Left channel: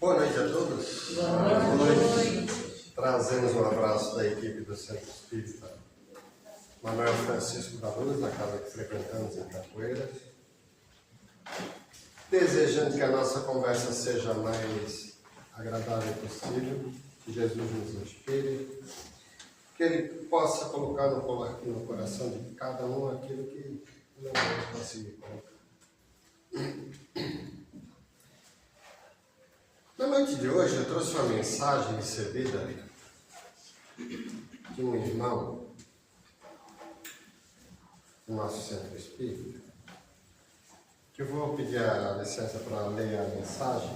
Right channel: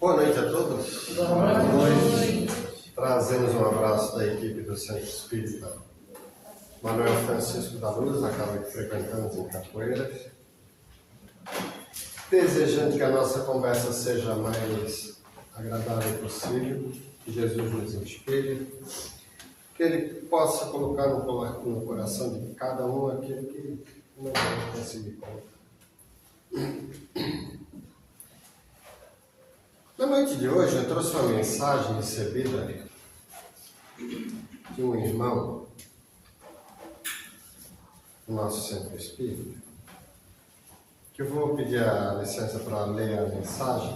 Boa noite a todos. Boa noite. Trazemos um abraço da equipe do Centro Espírita Manuel Francisco da Luz, na casa que frequentamos em Capoeiras. Desejando que a nossa conversa seja a mais agradável possível, que Jesus nos inspire, que Ele possa colocar no coração de cada um aquele que não vai conseguir colocar. Na noite de hoje eu trouxe uma mensagem recebida de um irmão do nosso centro espírita, que eu vou pedir a licença para ler a mensagem,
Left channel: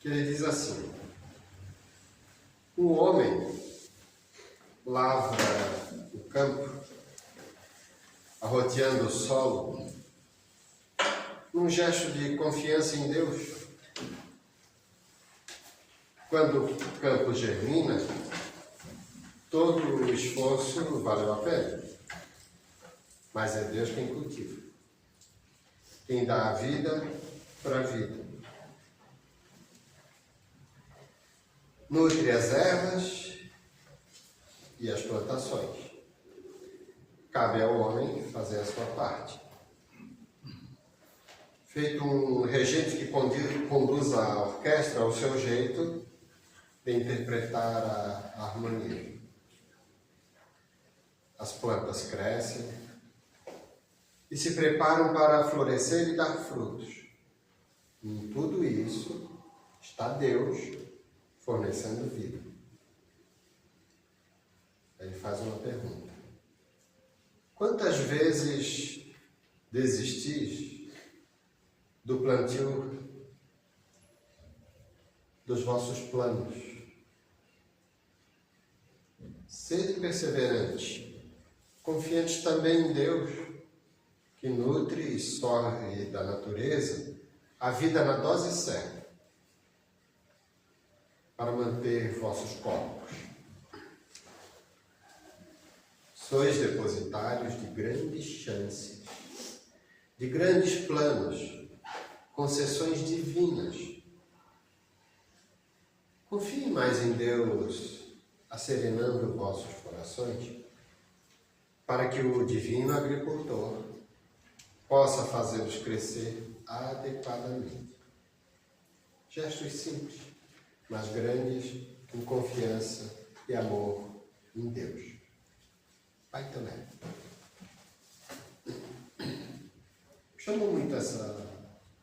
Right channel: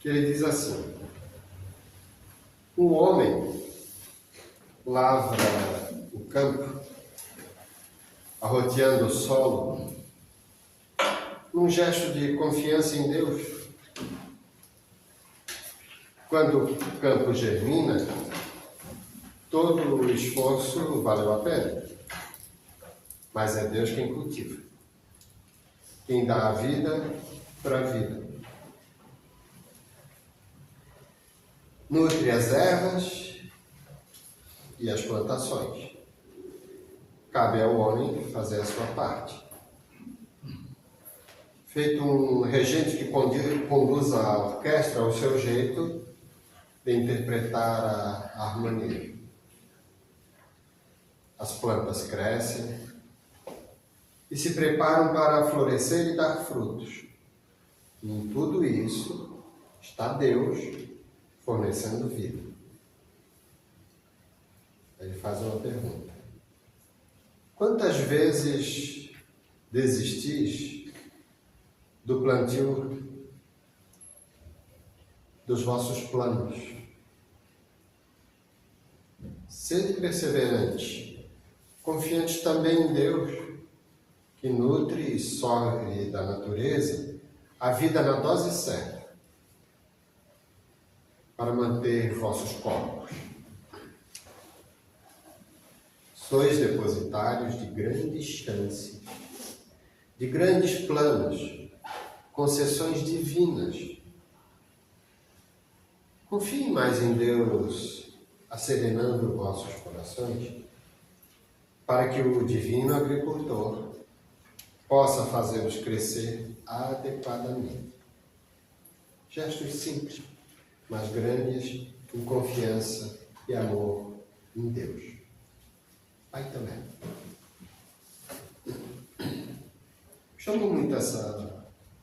que ele diz assim: um homem lavra o campo, arroteando o solo, num gesto de confiança em Deus. Quando o campo germina, todo o esforço valeu a pena. Mas é Deus quem cultiva, quem dá a vida para a vida. Nutre as ervas e as plantações. Cabe ao homem fazer a sua parte. Feito um regente que conduz a orquestra ao seu jeito de interpretar a harmonia. As plantas crescem e se preparam para florescer e dar frutos. E em tudo isso está Deus fornecendo vida. Ele faz uma pergunta: quantas vezes desistis do plantio dos vossos planos? Sede perseverantes, confiantes também em Deus, que nutre e sorve da natureza a vida na dose certa, para manter vossos corpos. Sois depositários de grandes chances, de grandes planos, concessões divinas. Confiem mais em Deus, asserenando vossos corações, para que o divino agricultor possa fazê-los crescer adequadamente. Gestos simples, mas grandes em confiança e amor em Deus. Pai também. Chamou muito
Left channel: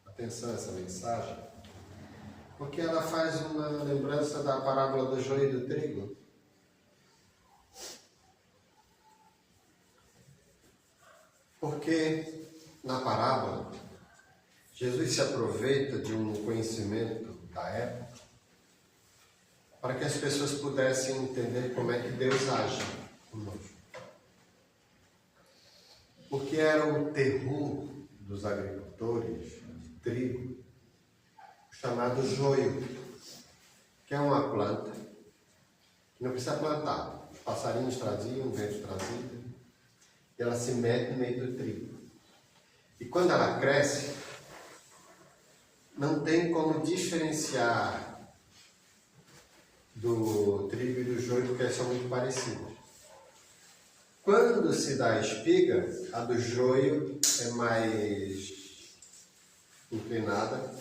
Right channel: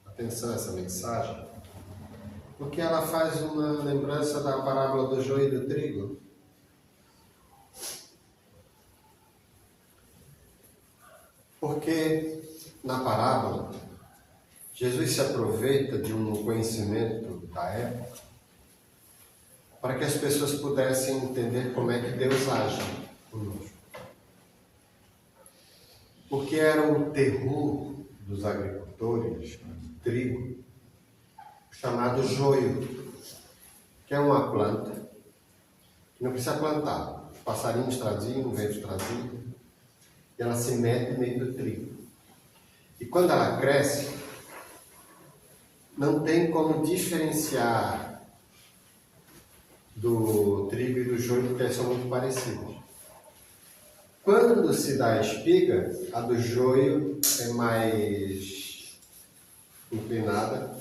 atenção essa mensagem, porque ela faz uma lembrança da parábola do joio e do trigo. Porque na parábola, Jesus se aproveita de um conhecimento da época para que as pessoas pudessem entender como é que Deus age conosco. Porque era o terror dos agricultores de trigo, chamado joio, que é uma planta que não precisa plantar. Os passarinhos traziam, o vento trazia, e ela se mete no meio do trigo. E quando ela cresce, não tem como diferenciar do trigo e do joio, porque eles são muito parecidos. Quando se dá a espiga, a do joio é mais inclinada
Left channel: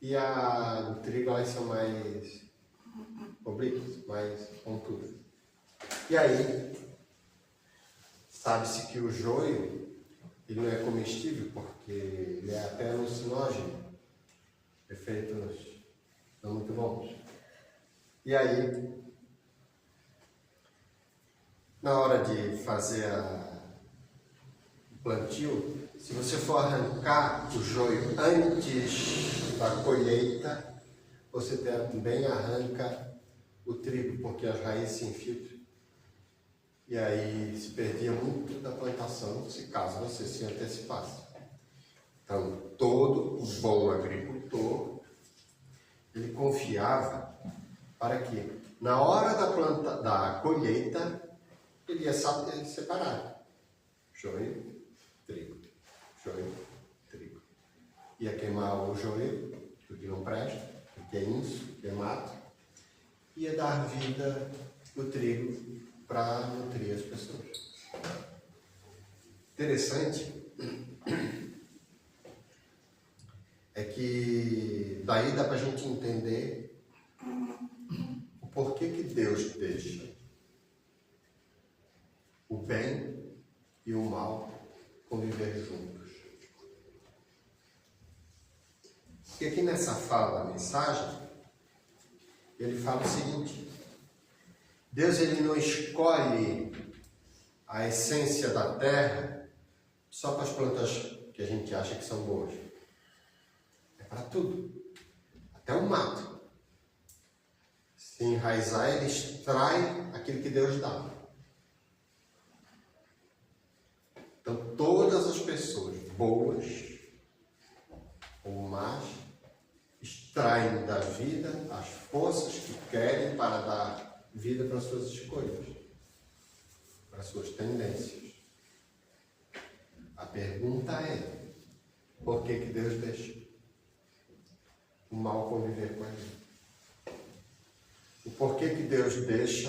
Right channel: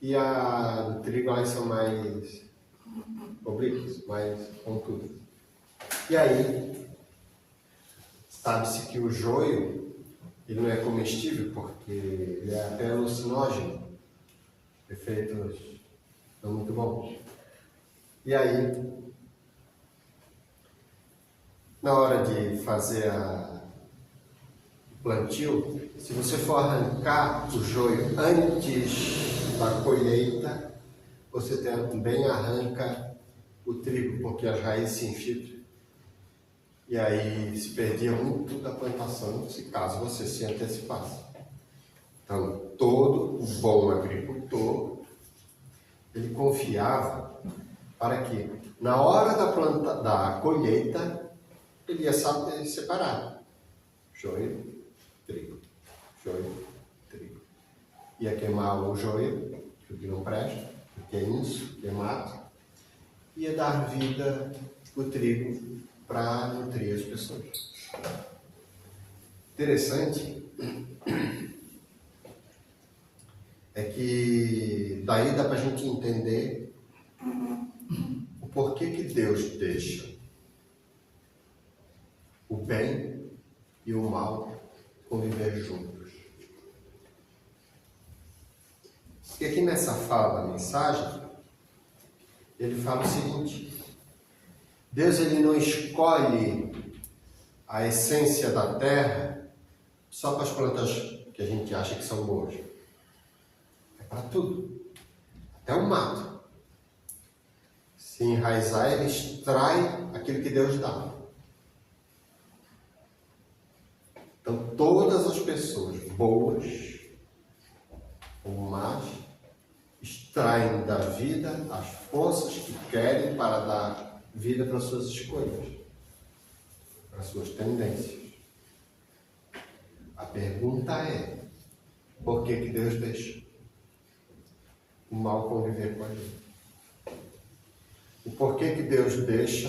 e a do trigo elas são mais oblíquas, mais pontudas. E aí, sabe-se que o joio ele não é comestível porque ele é até alucinógeno, efeitos não muito bons. E aí, na hora de fazer o plantio, se você for arrancar o joio antes da colheita, você também arranca o trigo, porque as raízes se infiltram. E aí se perdia muito da plantação, se caso você se antecipasse. Então, todo o bom agricultor, ele confiava para que, na hora da colheita, ele ia saber separar joio, trigo, joio, trigo. Ia queimar o joio, que não presta, que é isso, queimado. Ia dar vida o trigo para nutrir as pessoas. Interessante é que daí dá para a gente entender o porquê que Deus deixa o bem e o mal conviver juntos. E aqui nessa fala da mensagem, ele fala o seguinte: Deus ele não escolhe a essência da terra só para as plantas que a gente acha que são boas. É para tudo. Até o mato. Se enraizar, ele extrai aquilo que Deus dá. Então, todas as pessoas boas ou más extraem da vida as forças que querem para dar vida para as suas escolhas, para as suas tendências. A pergunta é: por que que Deus deixa o mal conviver com a gente? O porquê que Deus deixa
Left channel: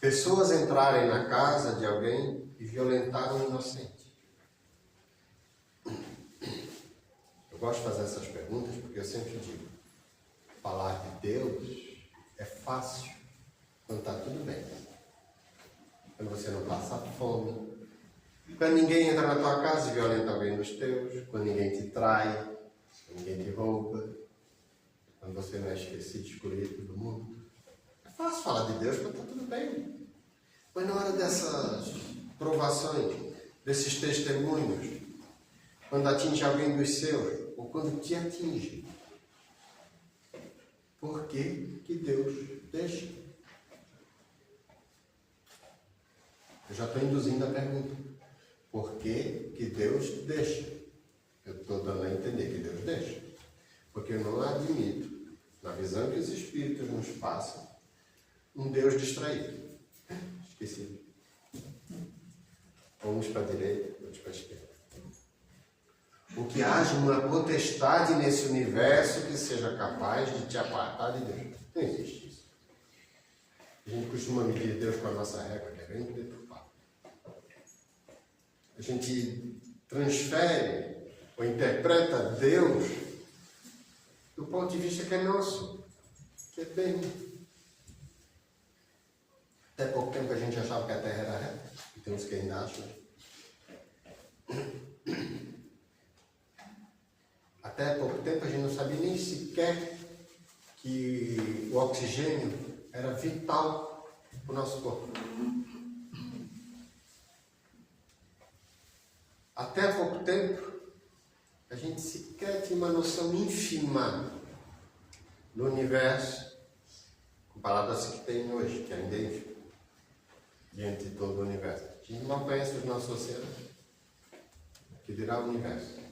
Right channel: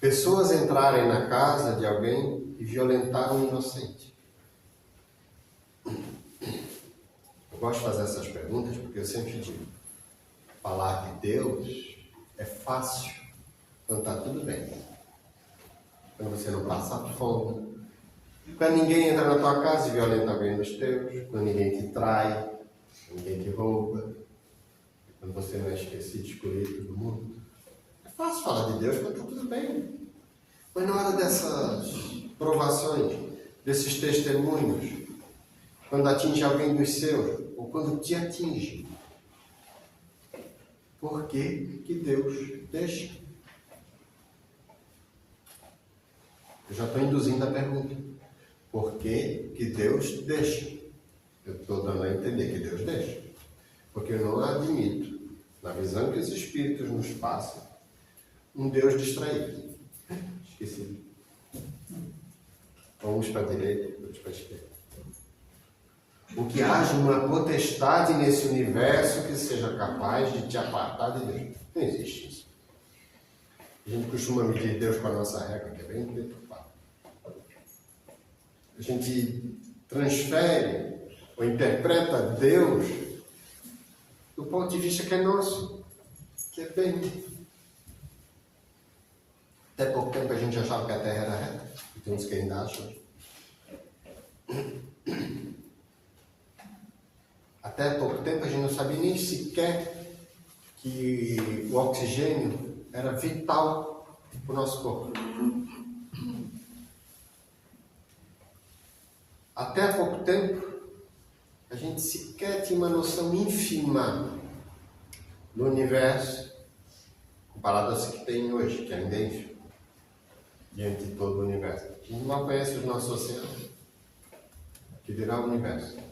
pessoas entrarem na casa de alguém e violentar um inocente? Eu gosto de fazer essas perguntas porque eu sempre digo: falar de Deus é fácil quando está tudo bem, quando você não passa fome, quando ninguém entra na tua casa e violenta alguém dos teus, quando ninguém te trai, ninguém te rouba, quando você não é esquecido, excluído do mundo. É fácil falar de Deus quando está tudo bem. Mas na hora dessas provações, desses testemunhos, quando atinge alguém dos seus, ou quando te atinge, por que que Deus deixa? Eu já estou induzindo a pergunta. Por que que Deus deixa? Eu estou dando a entender que Deus deixa. Porque eu não admito, na visão que os Espíritos nos passam, um Deus distraído. Esqueci. Uns para a direita, outros para a esquerda. O que haja uma potestade nesse universo que seja capaz de te apartar de Deus. Não existe isso. A gente costuma medir Deus com a nossa régua, que é bem deturpada. A gente transfere ou interpreta Deus do ponto de vista que é nosso, que é bem. Até pouco tempo a gente achava que a Terra era reta, e tem uns que ainda acham. Até pouco tempo a gente não sabia nem sequer que o oxigênio era vital para o nosso corpo. Até pouco tempo a gente sequer tinha uma noção ínfima do universo comparado a que tem hoje, que ainda é ínfimo, diante de todo o universo. A gente mal conhece os nossos oceanos, que dirá o universo.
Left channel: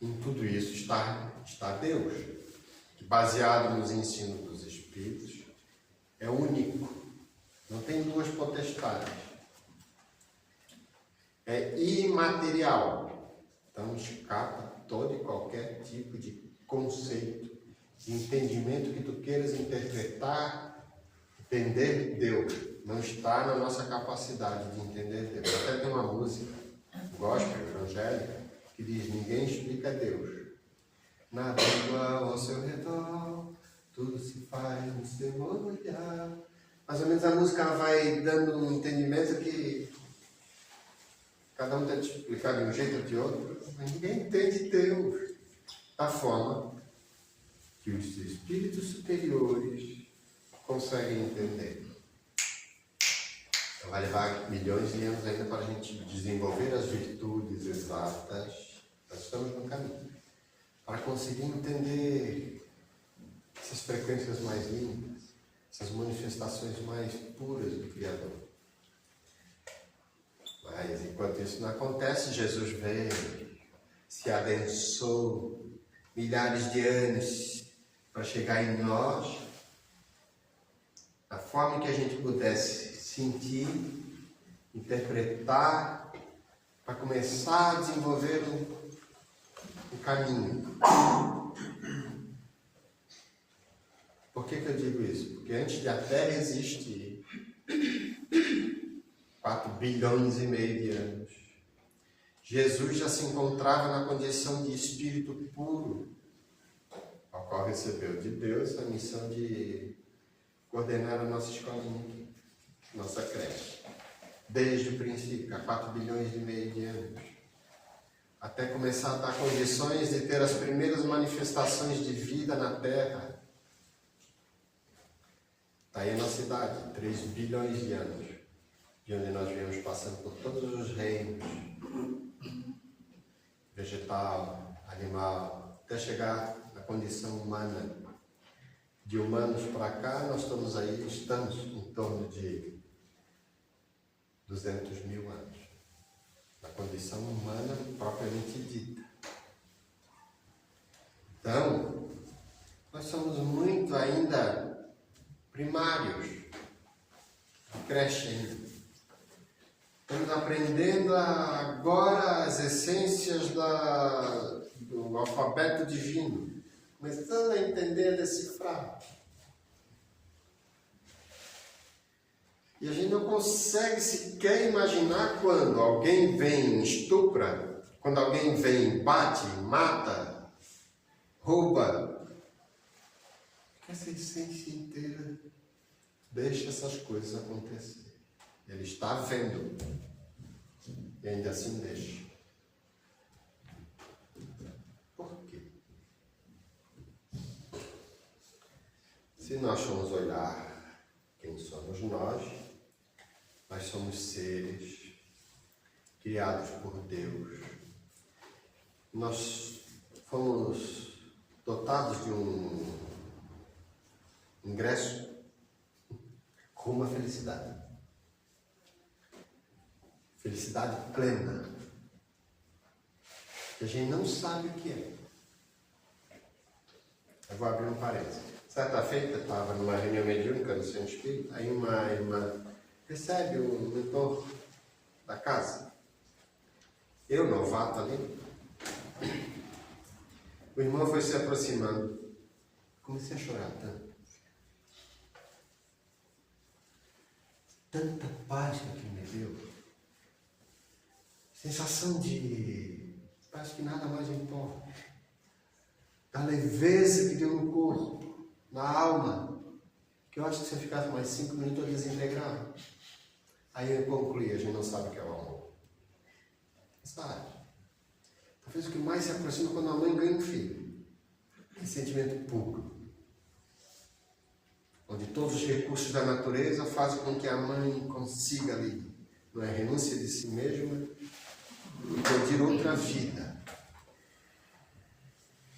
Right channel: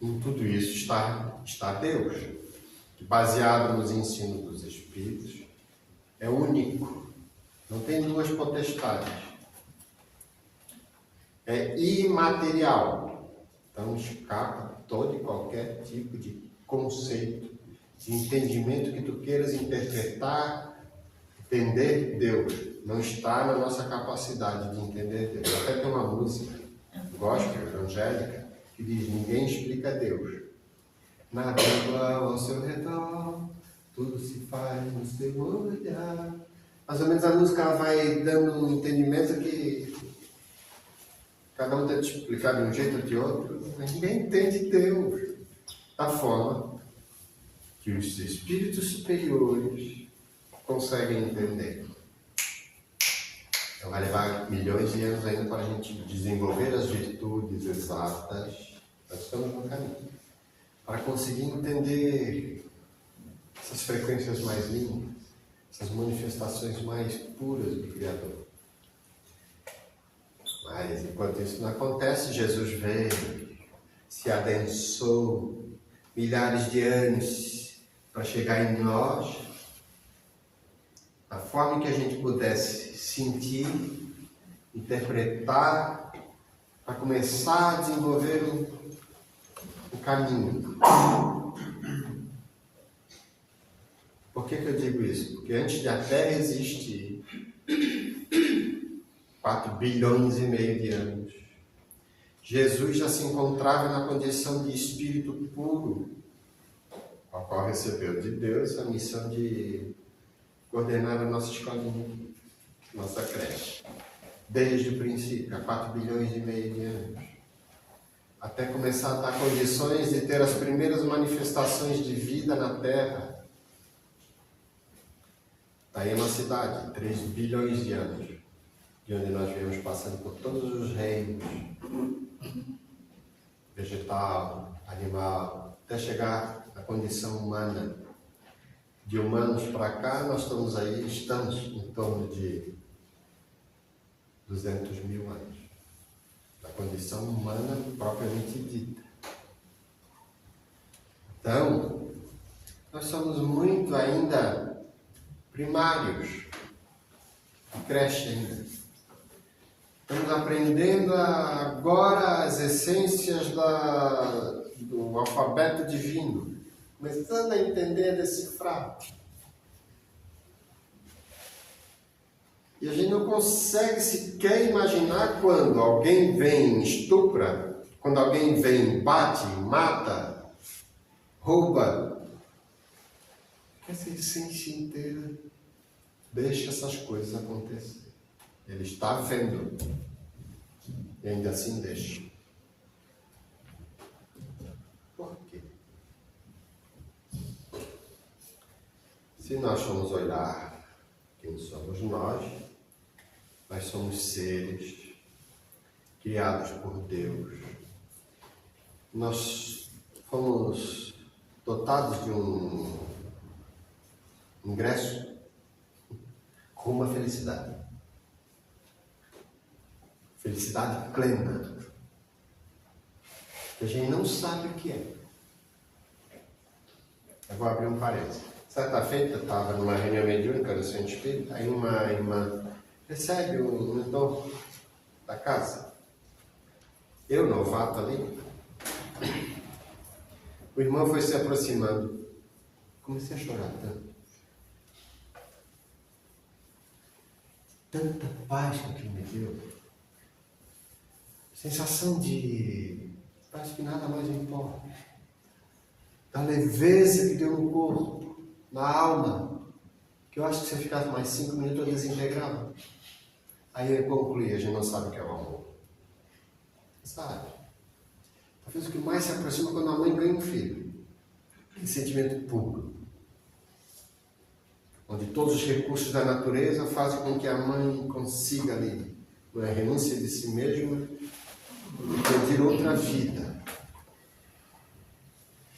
Em tudo isso está Deus, que baseado nos ensinos dos Espíritos, é único, não tem duas potestades, é imaterial, então escapa todo e qualquer tipo de conceito, de entendimento que tu queiras interpretar, entender Deus, não está na nossa capacidade de entender Deus. Até tem uma música gospel, evangélica, que diz: ninguém explica Deus. Nada igual ao seu redor, tudo se faz no seu olhar. Mais ou menos a música vai dando um entendimento que cada um tenta explicar de um jeito ou de outro, mas ninguém entende Deus. Da forma que os espíritos superiores conseguem entender. Então vai levar milhões de anos ainda para a gente desenvolver as virtudes exatas. Nós estamos no caminho. Para conseguir entender essas frequências mais limpas, essas manifestações mais puras do Criador. Mas enquanto isso não acontece, Jesus veio, se adensou milhares de anos para chegar em nós, da forma que a gente pudesse sentir interpretar, para começar a desenvolver um caminho. Por que eu digo isso? Porque antes de a Terra existir, 4 bilhões e meio de anos, Jesus já se encontrava na condição de espírito puro, ao qual recebeu de Deus a missão de coordenar a nossa escolinha, nossa creche. Desde o princípio, há 4 bilhões e meio de anos. Até começar a dar condições de ter as primeiras manifestações de vida na Terra. Está aí a nossa idade, 3 bilhões de anos, de onde nós viemos passando por todos os reinos, vegetal, animal, até chegar na condição humana. De humanos para cá, nós estamos em torno de 200 mil anos. Na condição humana propriamente dita. Então, nós somos muito ainda primários, de creche ainda. Estamos aprendendo agora as essências do alfabeto divino, começando a entender, a decifrar. E a gente não consegue sequer imaginar quando alguém vem e estupra, quando alguém vem e bate, mata, rouba. Essa essência inteira deixa essas coisas acontecer. Ele está vendo e ainda assim deixa. Por quê? Se nós formos olhar quem somos nós somos seres criados por Deus. Nós fomos dotados de um ingresso com uma felicidade. Felicidade plena. Que a gente não sabe o que é. Eu vou abrir um parênteses. Certa feita, eu estava numa reunião mediúnica no Centro Espírita, aí uma irmã recebe um mentor da casa. Eu, novato ali, o irmão foi se aproximando. Comecei a chorar tanto. Tanta paz que aquilo me deu. Sensação de parece que nada mais importa. A leveza que deu no corpo, na alma, que eu acho que se eu ficasse mais 5 minutos eu desintegrava. Aí eu concluí, a gente não sabe o que é o amor. Sabe? Talvez o que mais se aproxima quando a mãe ganha um filho. Que sentimento puro. Onde todos os recursos da natureza fazem com que a mãe consiga ali, não é renúncia de si mesma, pedir outra vida.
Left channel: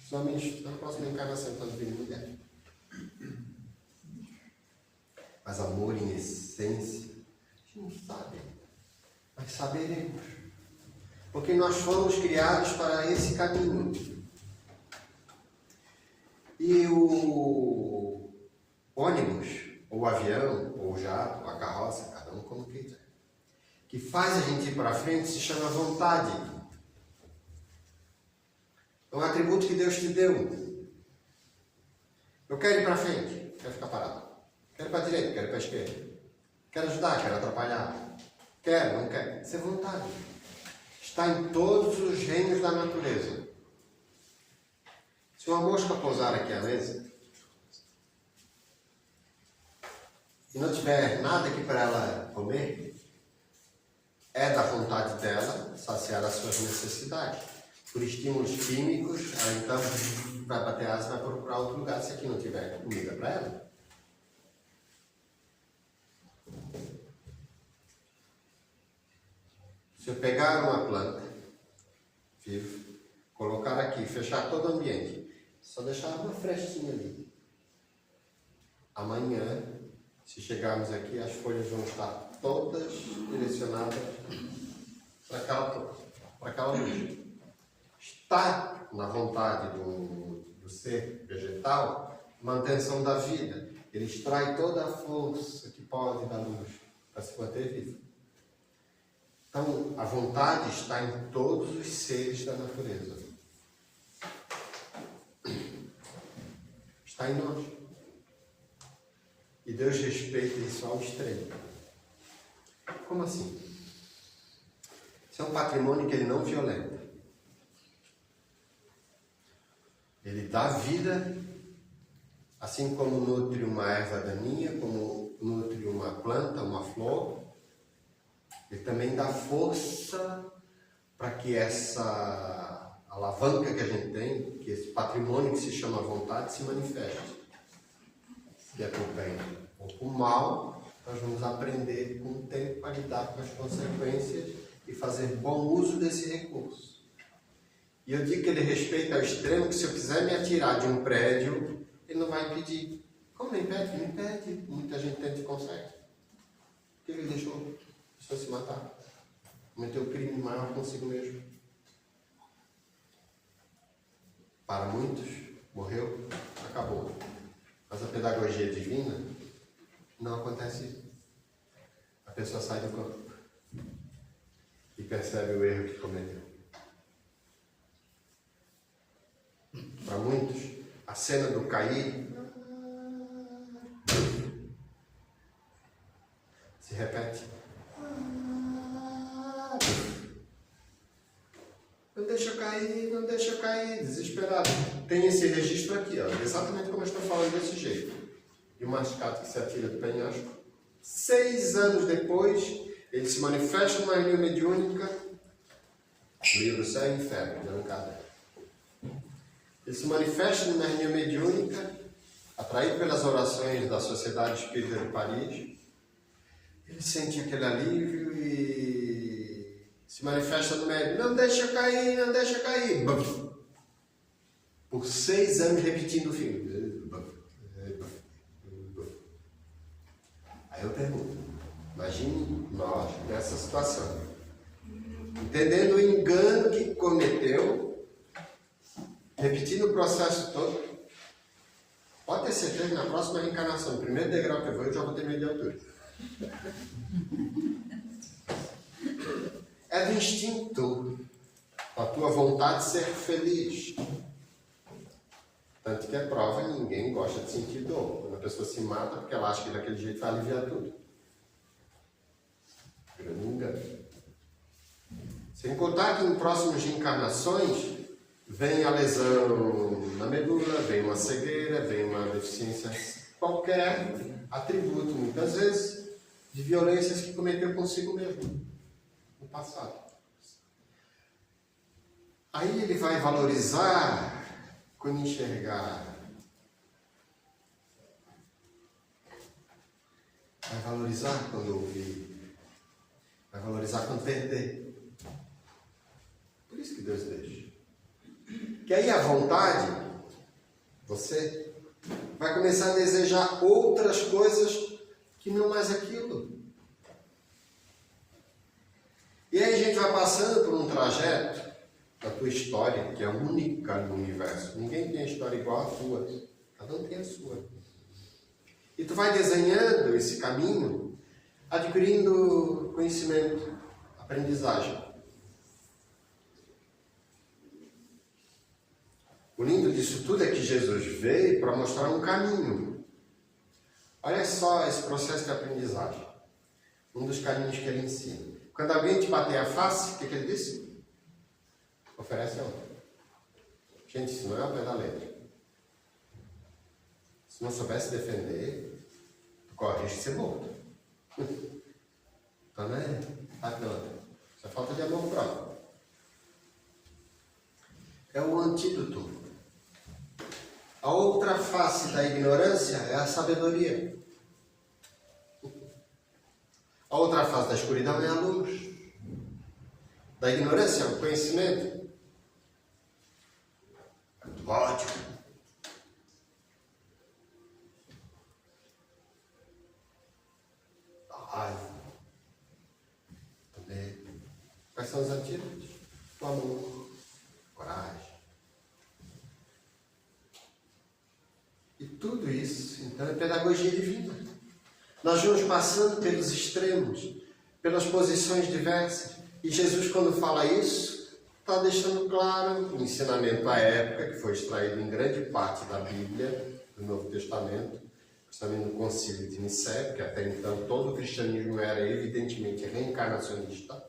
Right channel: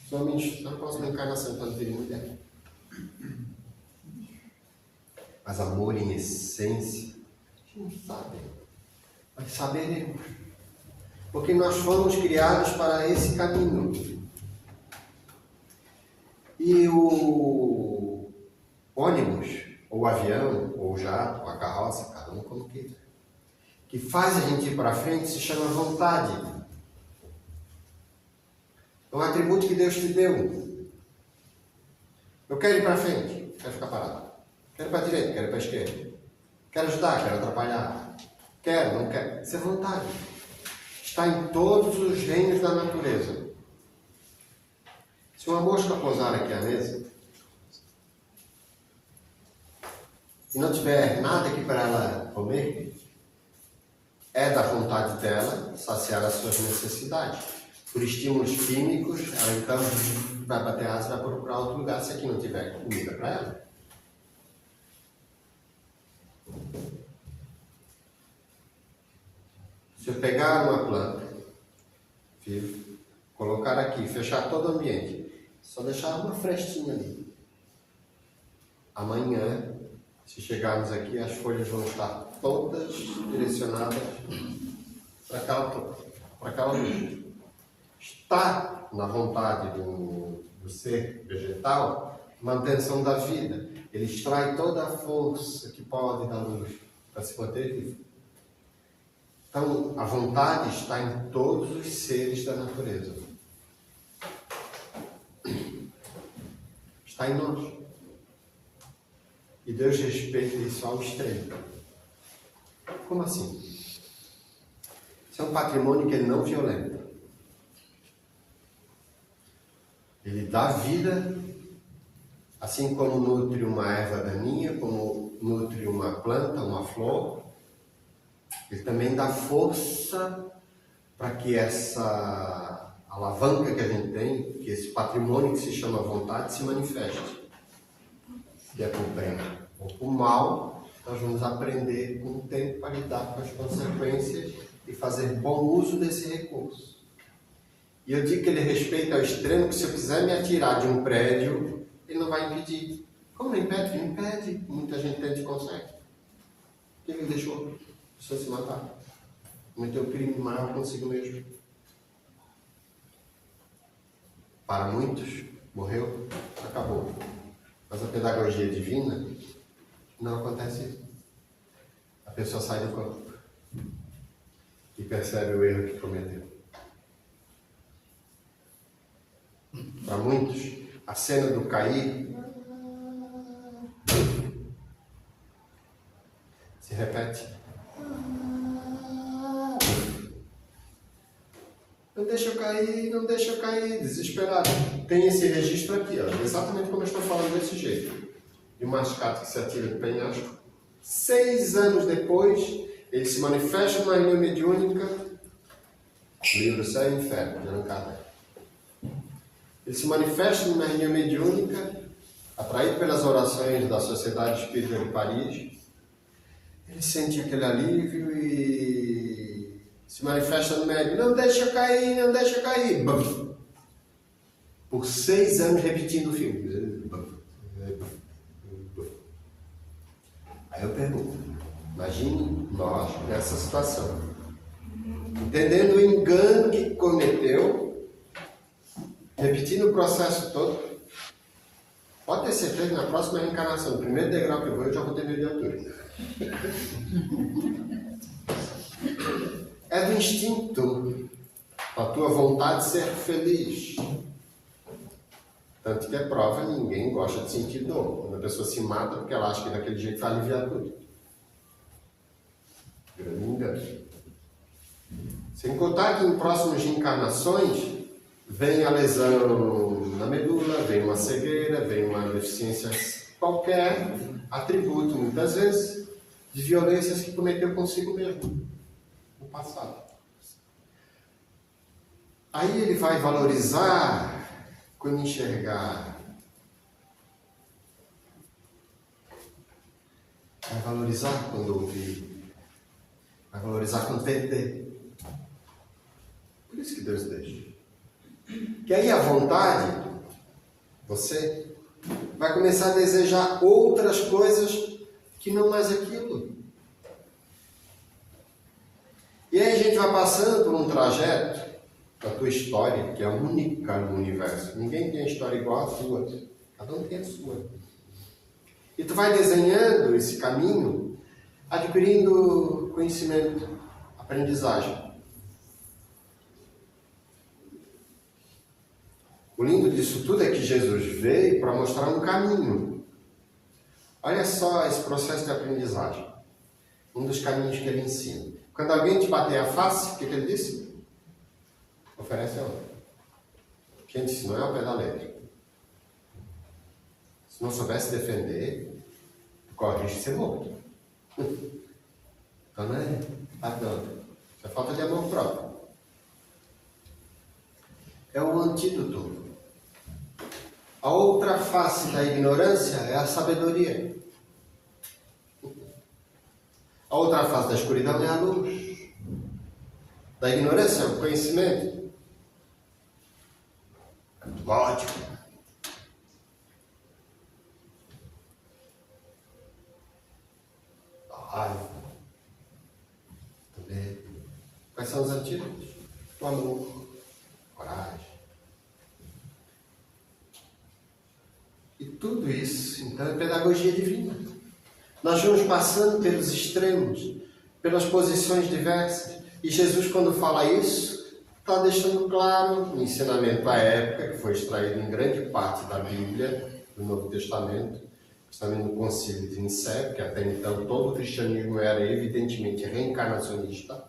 Somente na próxima encarnação, quando vir mulher. Mas amor em essência, a gente não sabe, mas saberemos. Porque nós fomos criados para esse caminho. E o ônibus, ou o avião, ou o jato, ou a carroça, cada um como queira, que faz a gente ir para frente, se chama vontade. É um atributo que Deus te deu. Eu quero ir para frente, quero ficar parado. Quero ir para a direita, quero ir para a esquerda. Quero ajudar, quero atrapalhar. Quero, não quero. Isso é vontade. Está em todos os reinos da natureza. Se uma mosca pousar aqui à mesa e não tiver nada aqui para ela comer, é da vontade dela saciar as suas necessidades. Por estímulos químicos, ela então vai bater asa e vai procurar outro lugar se aqui não tiver comida para ela. Se eu pegar uma planta, vivo, colocar aqui, fechar todo o ambiente, só deixar uma frestinha ali. Amanhã, se chegarmos aqui, as folhas vão estar todas direcionadas para aquela luz. Está na vontade do ser vegetal manutenção da vida. Ele extrai toda a força que pode da luz para se manter vivo. Então, a vontade está em todos os seres da natureza. Está em nós. E Deus respeita isso ao extremo. Como assim? Isso é um patrimônio que Ele não violenta. Ele dá vida, assim como nutre uma erva daninha, como nutre uma planta, uma flor. Ele também dá força para que essa alavanca que a gente tem, que esse patrimônio que se chama vontade, se manifeste. Se é por bem ou por mal, nós vamos aprender com o tempo a lidar com as consequências e fazer bom uso desse recurso. E eu digo que ele respeita ao extremo que se eu quiser me atirar de um prédio, ele não vai impedir. Como não impede? Não impede. Muita gente tenta e consegue. Ele deixou a pessoa se matar. Cometeu o crime maior consigo mesmo. Para muitos, morreu, acabou. Mas a pedagogia divina não acontece isso. A pessoa sai do corpo e percebe o erro que cometeu. Para muitos, a cena do cair se repete. Não deixa eu cair, não deixa eu cair, desesperado. Tem esse registro aqui, ó, exatamente como eu estou falando desse jeito. De um mascate que se atira de penhasco. 6 anos depois, ele se manifesta numa reunião mediúnica. Livro Céu e Inferno, não cada. Ele se manifesta numa reunião mediúnica, atraído pelas orações da Sociedade Espírita de Paris. Ele sente aquele alívio e se manifesta no médium. Não deixa cair, não deixa cair. Bum. Por 6 anos repetindo o filme. Aí eu pergunto, imagine nós nessa situação. Entendendo o engano que cometeu, repetindo o processo todo, pode ter certeza que na próxima reencarnação, no primeiro degrau que eu já vou ter medo de altura. É do instinto, a tua vontade de ser feliz. Tanto que é prova, ninguém gosta de sentir dor. Quando a pessoa se mata porque ela acha que daquele jeito vai aliviar tudo. Grande engano. Sem contar que em próximas reencarnações vem a lesão na medula, vem uma cegueira, vem uma deficiência qualquer, atributo muitas vezes de violências que cometeu consigo mesmo no passado. Aí ele vai valorizar quando enxergar. Vai valorizar quando ouvir. Vai valorizar quando perder. Por isso que Deus deixa. Que aí a vontade, você, vai começar a desejar outras coisas que não mais aquilo. E aí a gente vai passando por um trajeto da tua história, que é única no universo. Ninguém tem a história igual à tua. Cada um tem a sua. E tu vai desenhando esse caminho, adquirindo conhecimento, aprendizagem. O lindo disso tudo é que Jesus veio para mostrar um caminho. Olha só esse processo de aprendizagem. Um dos caminhos que ele ensina. Quando alguém te bater a face, o que ele disse? Oferece outra. Gente, isso não é ao pé da letra. Se não soubesse defender, tu corre o risco de ser morto. Então não é bate outra. Isso é falta de amor próprio. É o antídoto. A outra face da ignorância é a sabedoria. A outra face da escuridão é a luz. Da ignorância é o conhecimento. Do ódio. Da raiva. Do medo. Quais são os antídotos? O amor. Coragem. E tudo isso, então, é pedagogia divina. Nós vamos passando pelos extremos, pelas posições diversas. E Jesus, quando fala isso, está deixando claro o ensinamento à época, que foi extraído em grande parte da Bíblia, do Novo Testamento, também no Concílio de Nicéia, que até então todo o cristianismo era evidentemente reencarnacionista.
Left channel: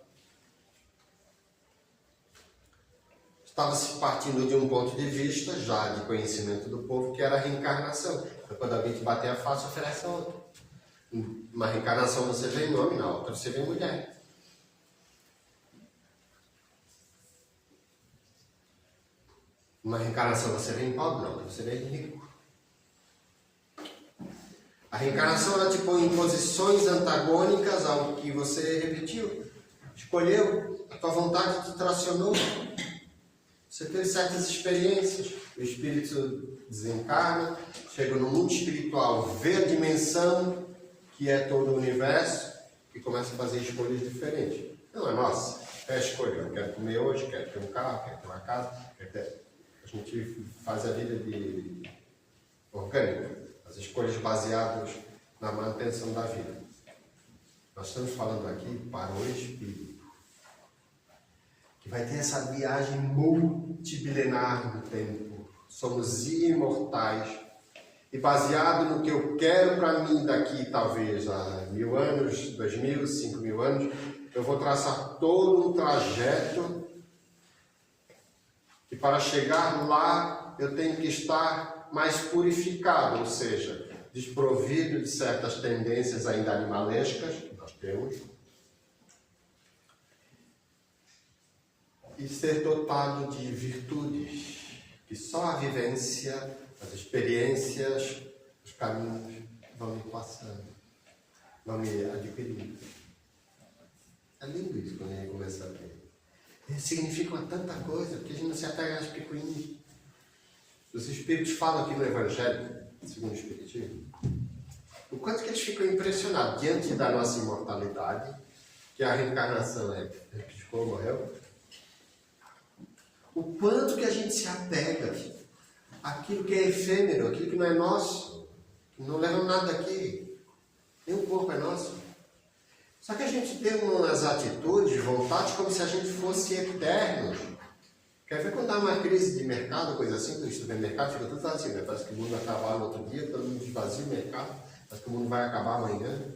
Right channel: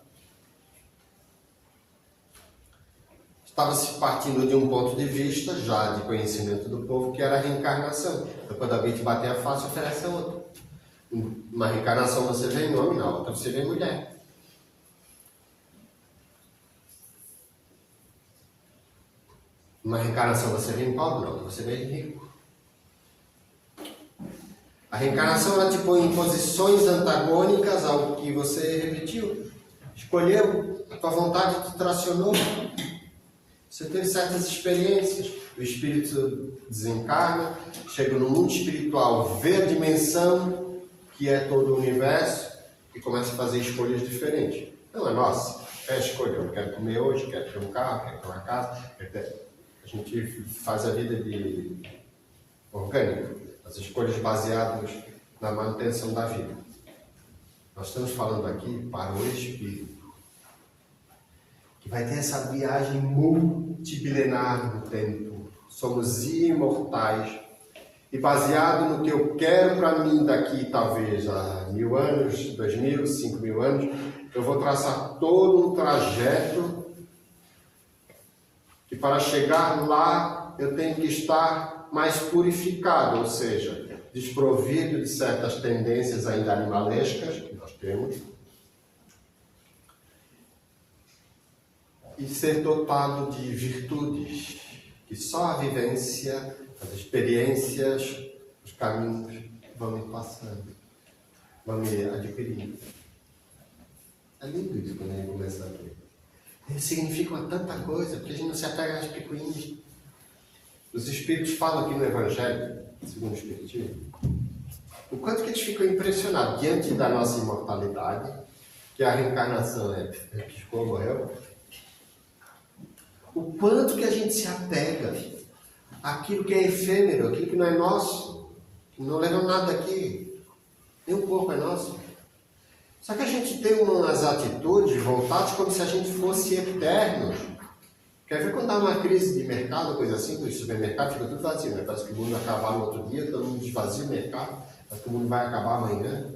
Estava-se partindo de um ponto de vista, já de conhecimento do povo, que era a reencarnação. Então, quando alguém te bater a face, oferece a outra. Uma reencarnação você vê em homem, na outra você vê mulher. Uma reencarnação você vê em pobre, na outra você vê em rico. A reencarnação ela te põe em posições antagônicas ao que você repetiu, escolheu, a tua vontade te tracionou. Você teve certas experiências, o espírito desencarna, chega no mundo espiritual, vê a dimensão que é todo o universo e começa a fazer escolhas diferentes. Não é nossa, é a escolha. Eu quero comer hoje, quero ter um carro, quero ter uma casa, quero ter... A gente faz a vida de orgânica, as escolhas baseadas na manutenção da vida. Nós estamos falando aqui para o espírito, que vai ter essa viagem multibilenar no tempo. Somos imortais. E baseado no que eu quero para mim daqui, talvez, a 1000 anos, 2000, 5000 anos, eu vou traçar todo um trajeto que para chegar lá eu tenho que estar mais purificado, ou seja, desprovido de certas tendências ainda animalescas que nós temos, e ser dotado de virtudes que só a vivência, as experiências, os caminhos vão me passando, vão me adquirindo. É lindo isso quando a gente começa a ver. Significa tanta coisa, porque a gente não se apega nas picuinhas. Os Espíritos falam aqui no Evangelho, segundo o Espiritismo, o quanto que eles ficam impressionados diante da nossa imortalidade, que a reencarnação é piscou, morreu, o quanto que a gente se apega àquilo que é efêmero, aquilo que não é nosso, que não leva nada aqui, nem um pouco é nosso. Só que a gente tem umas atitudes voltadas como se a gente fosse eternos. Quer ver quando dá uma crise de mercado, coisa assim, que o supermercado fica tudo vazio, né? Parece que o mundo vai acabar no outro dia, todo mundo esvazia o mercado, parece que o mundo vai acabar amanhã.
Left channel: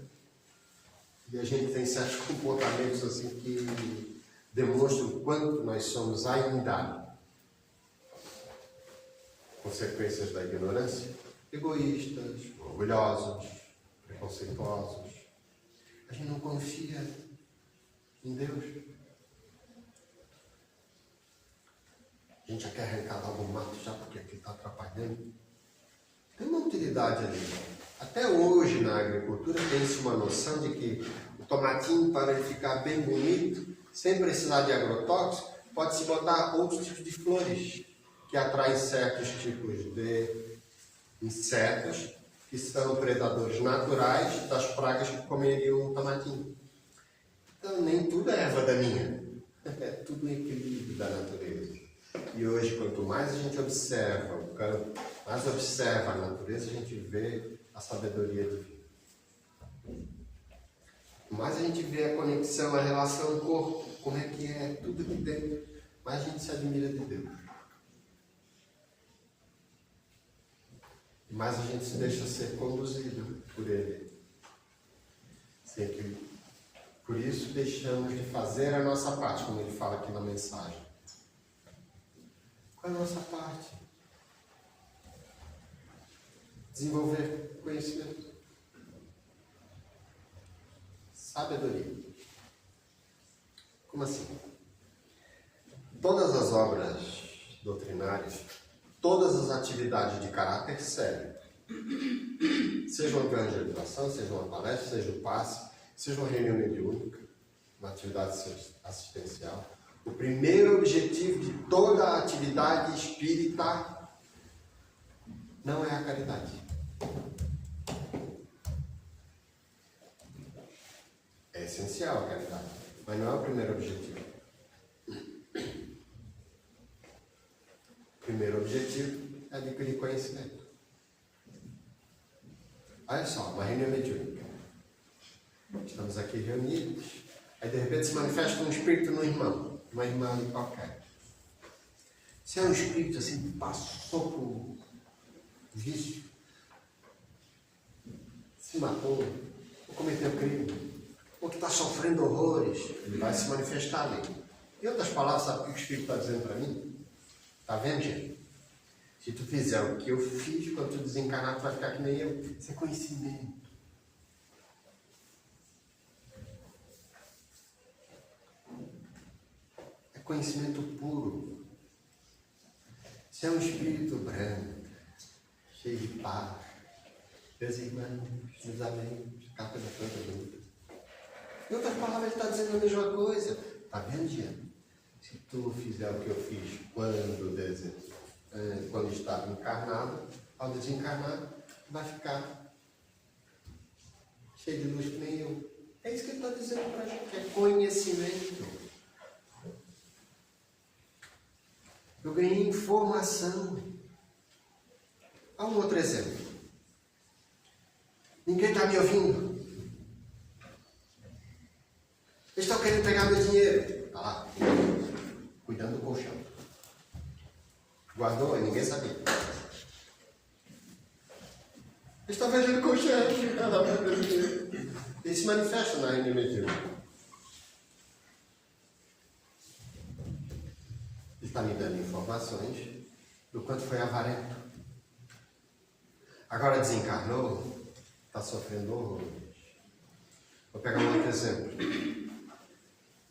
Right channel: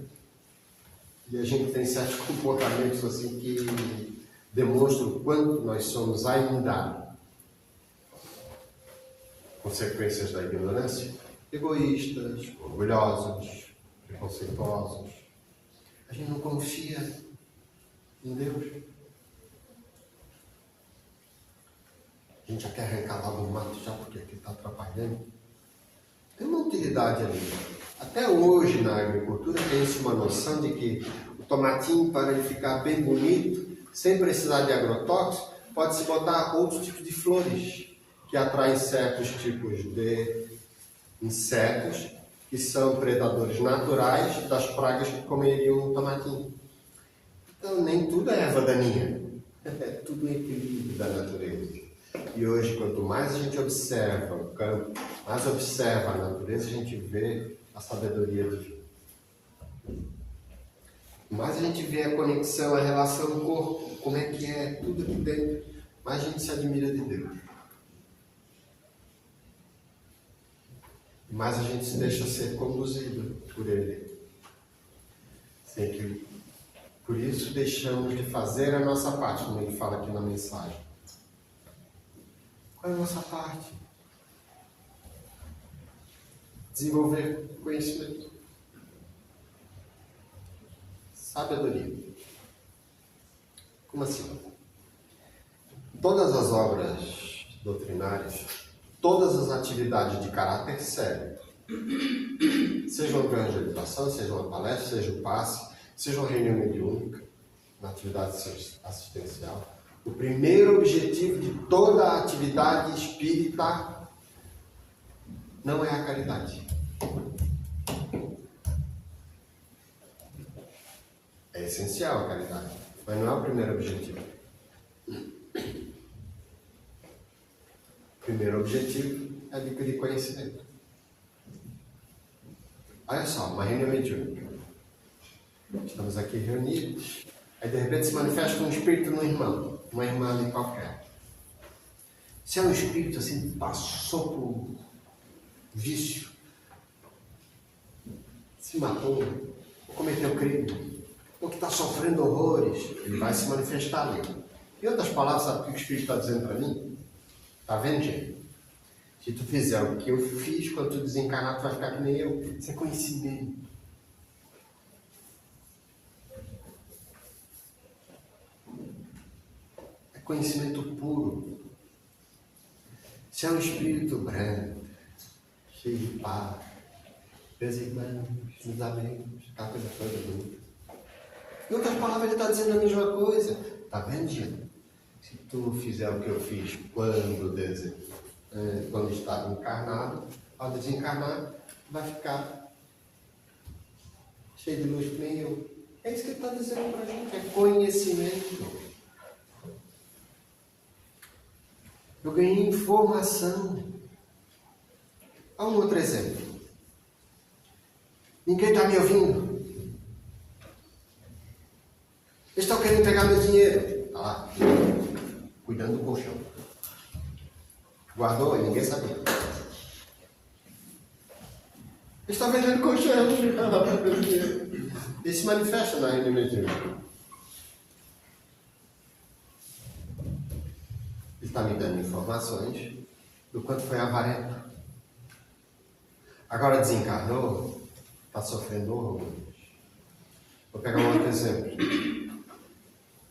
E a gente tem certos comportamentos assim que demonstram o quanto nós somos ainda consequências da ignorância, egoístas, orgulhosos, preconceituosos. A gente não confia em Deus. A gente já quer arrancar logo o mato já porque aqui está atrapalhando. Tem uma utilidade ali. Até hoje na agricultura tem-se uma noção de que o tomatinho, para ele ficar bem bonito, sem precisar de agrotóxico, pode-se botar outros tipos de flores que atraem certos tipos de insetos que são predadores naturais das pragas que comeriam o tomatinho. Então, nem tudo é erva daninha. É tudo um equilíbrio da natureza. E hoje, quanto mais a gente observa o campo, mais observa a natureza, a gente vê a sabedoria divina. Mais a gente vê a conexão, a relação do corpo, como é que é, tudo aqui dentro, mais a gente se admira de Deus. E mais a gente se deixa ser conduzido por Ele. Sem que, por isso, deixamos de fazer a nossa parte, como ele fala aqui na mensagem. Qual é a nossa parte? Desenvolver conhecimento. Sabedoria. Como assim? Todas as obras doutrinárias, todas as atividades de caráter sério, seja uma evangelização, seja uma palestra, seja um passe, seja uma reunião mediúnica, uma atividade assistencial, o primeiro objetivo de toda a atividade espírita não é a caridade. É essencial a caridade, mas não é o primeiro objetivo. O primeiro objetivo é adquirir conhecimento. Olha só, uma reunião mediúnica. Estamos aqui reunidos Aí de repente se manifesta um espírito no irmão, uma irmã ali qualquer. Se é um espírito assim, passou por vício, se matou, ou cometeu crime, ou que está sofrendo horrores, ele vai se manifestar ali. Em outras palavras, sabe o que o Espírito está dizendo para mim? Está vendo, gente? Se tu fizer o que eu fiz, quando tu desencarnar, tu vai ficar que nem eu. Isso é conhecimento. É conhecimento puro. Se é um espírito branco, cheio de paz, meus irmãos, nos amigos, aquela coisa toda bonita. Em outras palavras, ele está dizendo a mesma coisa. Está vendo, gente? Se tu fizer o que eu fiz quando estava encarnado, ao desencarnar, tu vai ficar cheio de luz que nem eu. É isso que ele está dizendo para a gente, é conhecimento. Eu ganhei informação. Há um outro exemplo. Ninguém está me ouvindo. Eles estão querendo pegar meu dinheiro. Está lá, cuidando do colchão. Guardou e ninguém sabia. Eles estão vendendo colchão. Eles se manifestam na reunião mediúnica. Ele está me dando informações do quanto foi avarento. Agora desencarnou, está sofrendo horror. Vou pegar um outro exemplo.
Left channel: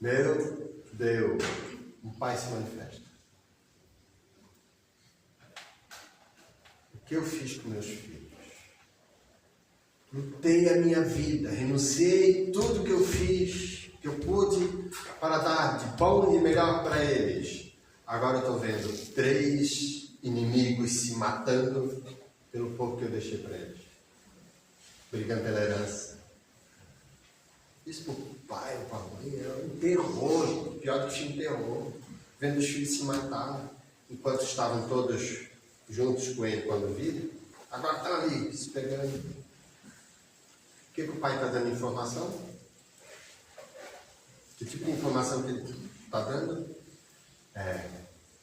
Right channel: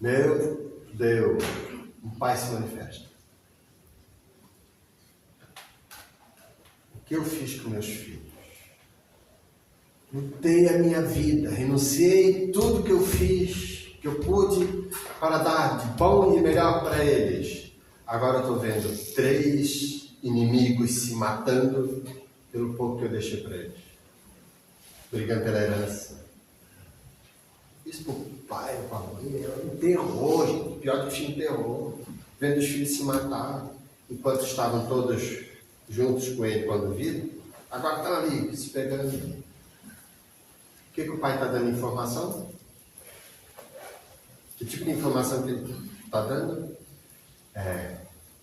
Meu Deus, um pai se manifesta. O que eu fiz com meus filhos? Lutei a minha vida, renunciei tudo que eu fiz, que eu pude, para dar de bom e melhor para eles. Agora eu estou vendo 3 inimigos se matando pelo pouco que eu deixei para eles. Brigando pela herança. Isso para o pai ou para a mãe era um terror, gente. Pior que filme terror. Vendo os filhos se matar, enquanto estavam todos juntos com ele quando viram. Agora estão ali, se pegando. O que o pai está dando informação? Que tipo de informação que ele está dando?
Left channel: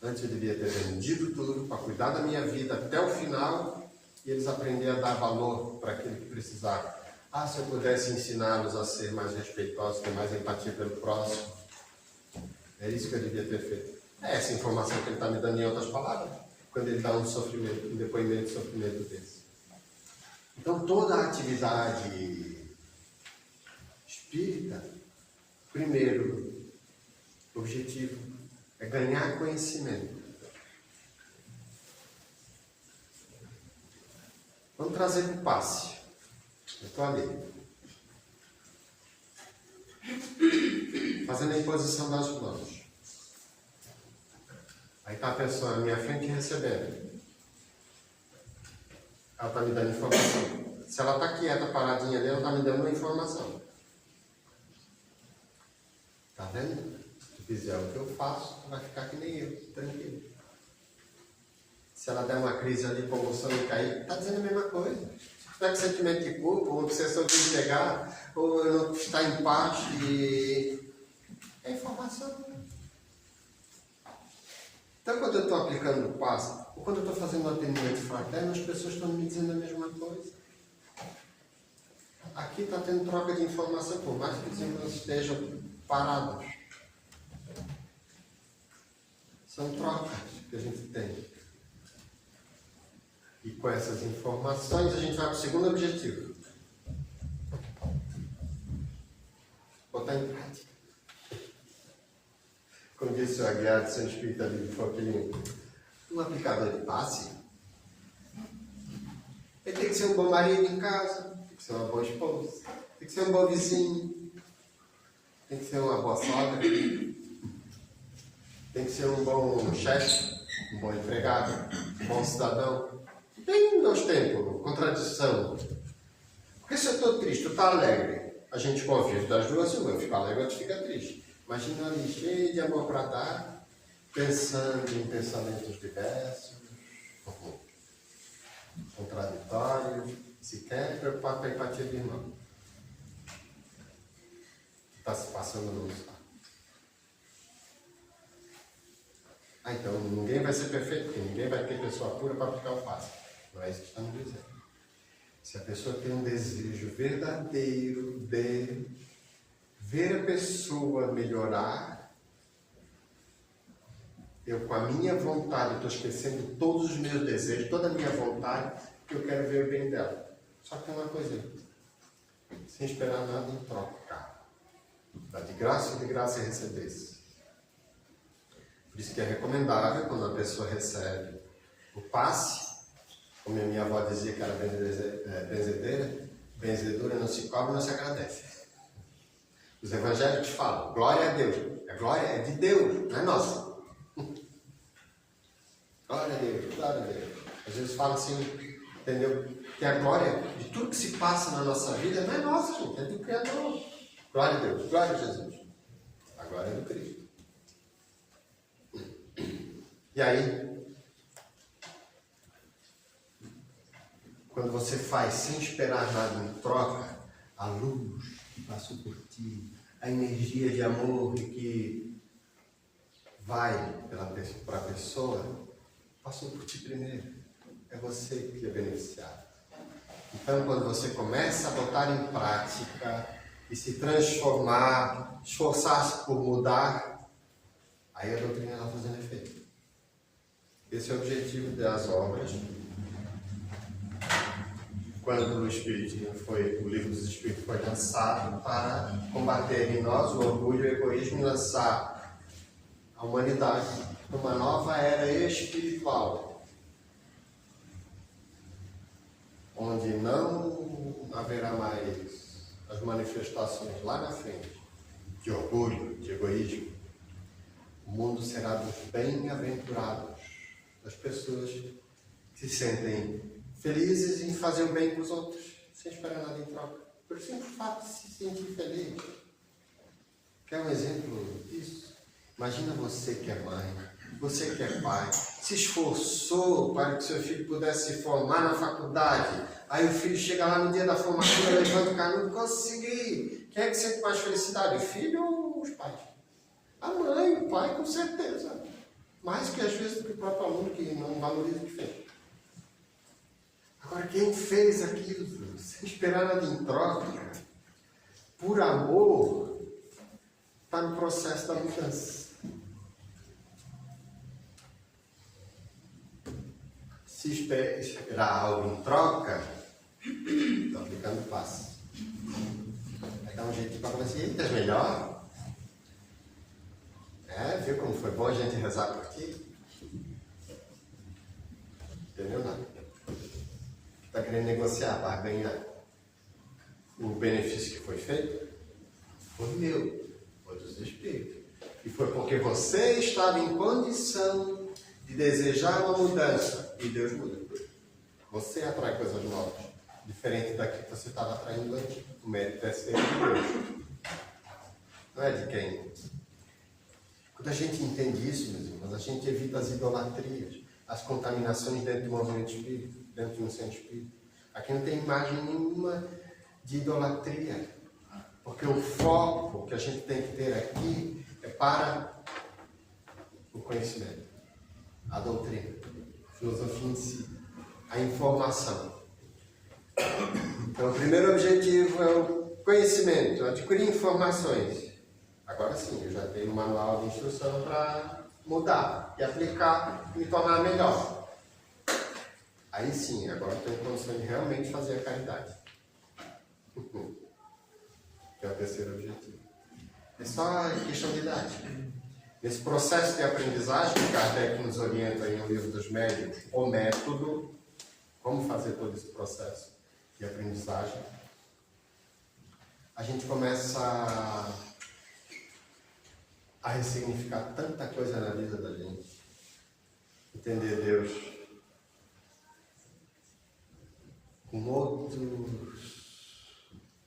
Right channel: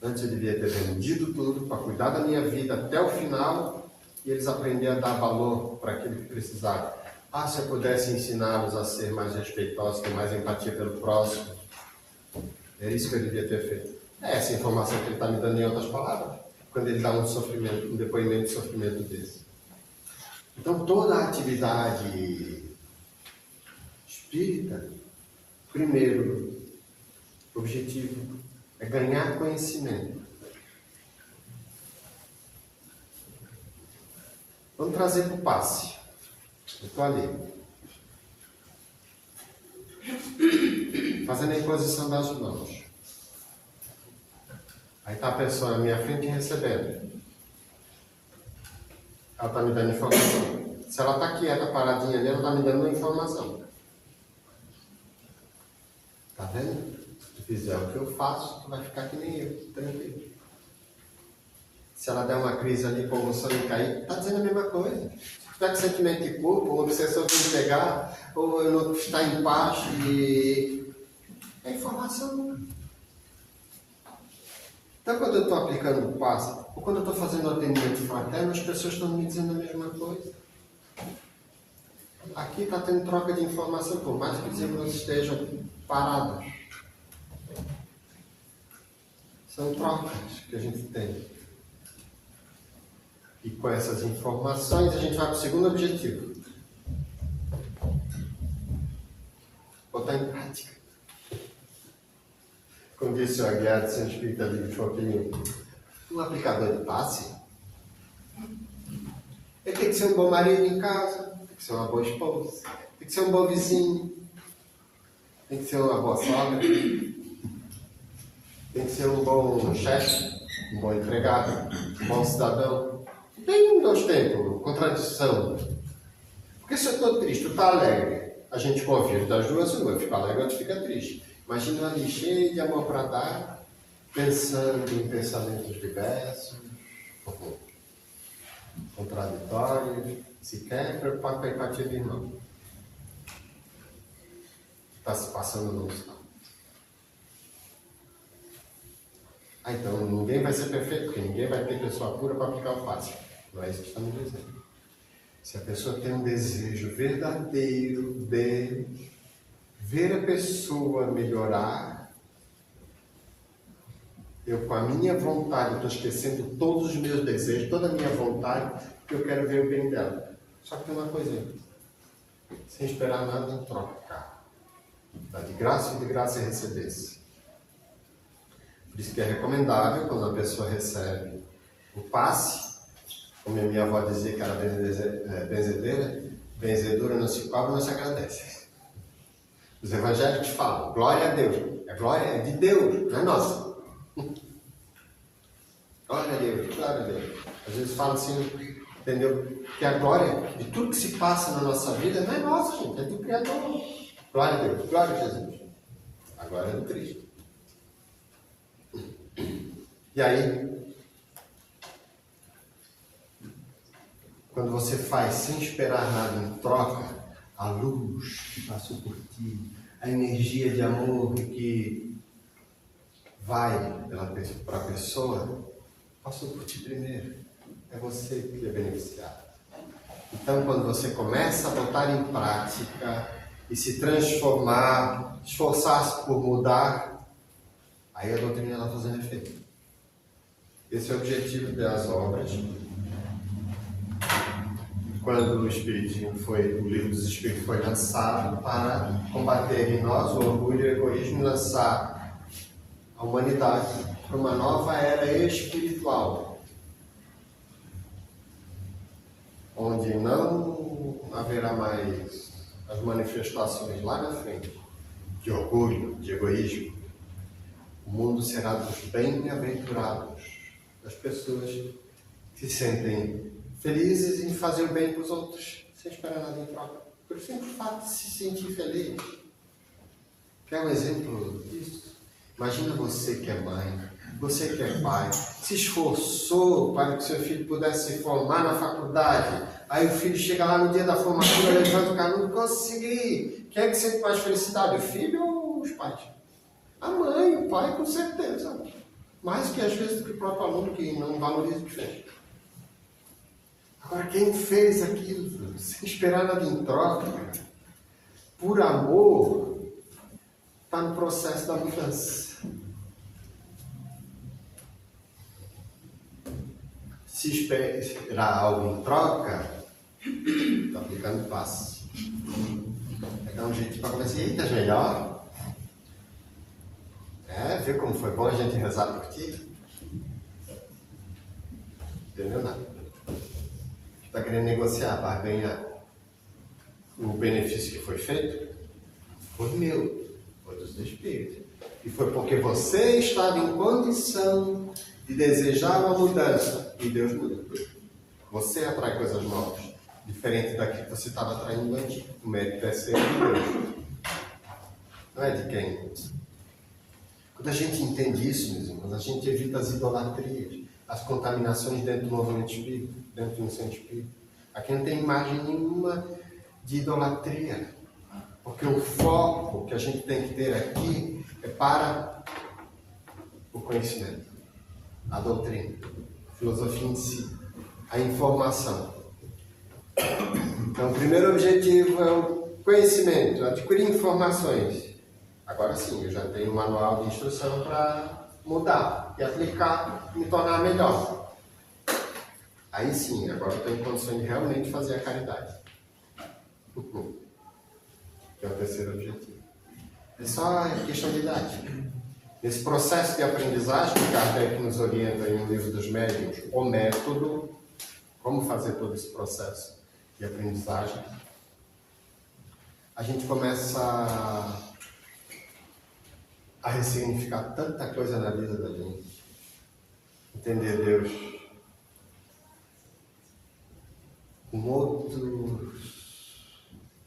Antes eu devia ter vendido tudo para cuidar da minha vida até o final e eles aprenderem a dar valor para aquilo que precisavam. Se eu pudesse ensiná-los a ser mais respeitosos, ter mais empatia pelo próximo. É isso que eu devia ter feito. É essa informação que ele está me dando em outras palavras, quando ele dá um depoimento de sofrimento desse. Então toda a atividade espírita, primeiro objetivo é ganhar conhecimento. Vamos trazer para o passe. Eu estou ali. Fazendo a imposição das mãos. Aí está a pessoa na minha frente recebendo. Ela está me dando informação. Se ela está quieta, paradinha ali, ela está me dando uma informação. Está vendo? Se fizer o que eu faço, tu vai ficar que nem eu, tranquilo. Se ela der uma crise ali, comoção e cair, está dizendo a mesma coisa. Se tiver com sentimento de culpa, ou obsessão de me pegar, ou eu não estar em paz, e é informação. Então, quando eu estou aplicando o passe, ou quando eu estou fazendo um atendimento fraterno, as pessoas estão me dizendo a mesma coisa. Aqui está tendo troca de informação, por mais que os irmãos estejam parados. São trocas que a gente tem. E com essas informações a gente vai para o segundo objetivo. Botar em prática. Como disse o Aguiar de São Espírito ali de Foquilinho, um aplicador de passe, ele tem que ser um bom marido em casa, tem que ser uma boa esposa, tem que ser um bom vizinho, tem que ser uma boa sogra, tem que ser um bom chefe, um bom empregado, um bom cidadão. Tem 2 tempos, contradição. Porque se eu estou triste, tu está alegre, a gente convive das duas, eu fico alegre, outro fica triste. Imagina ali cheio de amor para dar, pensando em pensamentos diversos, contraditórios, sequer preocupado com a empatia do irmão. está se passando no hospital. Então ninguém vai ser perfeito, porque ninguém vai ter pessoa pura para aplicar o passe. Não é isso que estamos dizendo. Se a pessoa tem um desejo verdadeiro de ver a pessoa melhorar, eu com a minha vontade, estou esquecendo todos os meus desejos, toda a minha vontade, que eu quero ver o bem dela. Só que tem uma coisinha, sem esperar nada em troca. Dá de graça e de graça recebesse. Por isso que é recomendável, quando a pessoa recebe o passe, como a minha avó dizia que era benzedeira, benzedura não se cobra, não se agradece. Os evangélicos falam, glória a Deus. A glória é de Deus, não é nossa. Glória a Deus, glória a Deus. Às vezes falam assim, entendeu? Que a glória de tudo que se passa na nossa vida não é nossa, gente, é do Criador. Glória a Deus, glória a Jesus. A glória é do Cristo. E aí, quando você faz sem esperar nada em troca, a luz que passou por ti, a energia de amor que vai para a pessoa, passou por ti primeiro. É você que é beneficiado. Então, quando você começa a botar em prática e se transformar, esforçar-se por mudar, aí a doutrina está fazendo efeito. Esse é o objetivo das obras. Quando o livro dos Espíritos foi lançado para combater em nós o orgulho e o egoísmo e lançar a humanidade para uma nova era espiritual, onde não haverá mais as manifestações lá na frente de orgulho, de egoísmo. O mundo será dos bem-aventurados, das pessoas que se sentem felizes em fazer o bem para os outros, sem esperar nada em troca. Por simples fato de se sentir feliz. Quer um exemplo disso? Imagina você que é mãe, você que é pai, se esforçou para que seu filho pudesse se formar na faculdade. Aí o filho chega lá no dia da formatura, levanta o canudo, consegui. Quem é que sente mais felicidade, o filho ou os pais? A mãe, o pai, com certeza. Mais que às vezes do que o próprio aluno que não valoriza o que fez. Agora, quem fez aquilo sem esperar nada em troca, por amor, está no processo da mudança. Se esperar algo em troca, está aplicando passe. Vai dar um jeito para conversar. Eita, melhor? Viu como foi bom a gente rezar por ti? Entendeu nada? Está querendo negociar para ganhar o benefício que foi feito? Foi meu, foi dos Espíritos. E foi porque você estava em condição de desejar uma mudança. E Deus muda. Você atrai coisas novas, diferente daquilo que você estava atraindo antes. O mérito é ser de Deus. Não é de quem? Quando a gente entende isso, meus irmãos, a gente evita as idolatrias, as contaminações dentro do movimento espírita, dentro do centro espírita. Aqui não tem imagem nenhuma de idolatria, porque o foco que a gente tem que ter aqui é para o conhecimento, a doutrina, a filosofia em si, a informação. Então, o primeiro objetivo é o conhecimento, adquirir informações. Agora sim, eu já tenho um manual de instrução para mudar e aplicar e me tornar melhor. Aí sim, agora eu tenho condições de realmente fazer a caridade. Que é o terceiro objetivo. É só questão de idade. Nesse processo de aprendizagem, que Kardec nos orienta em um livro dos médiuns, o método, como fazer todo esse processo de aprendizagem, a gente começa a ressignificar tanta coisa na vida da gente. Entender Deus com outros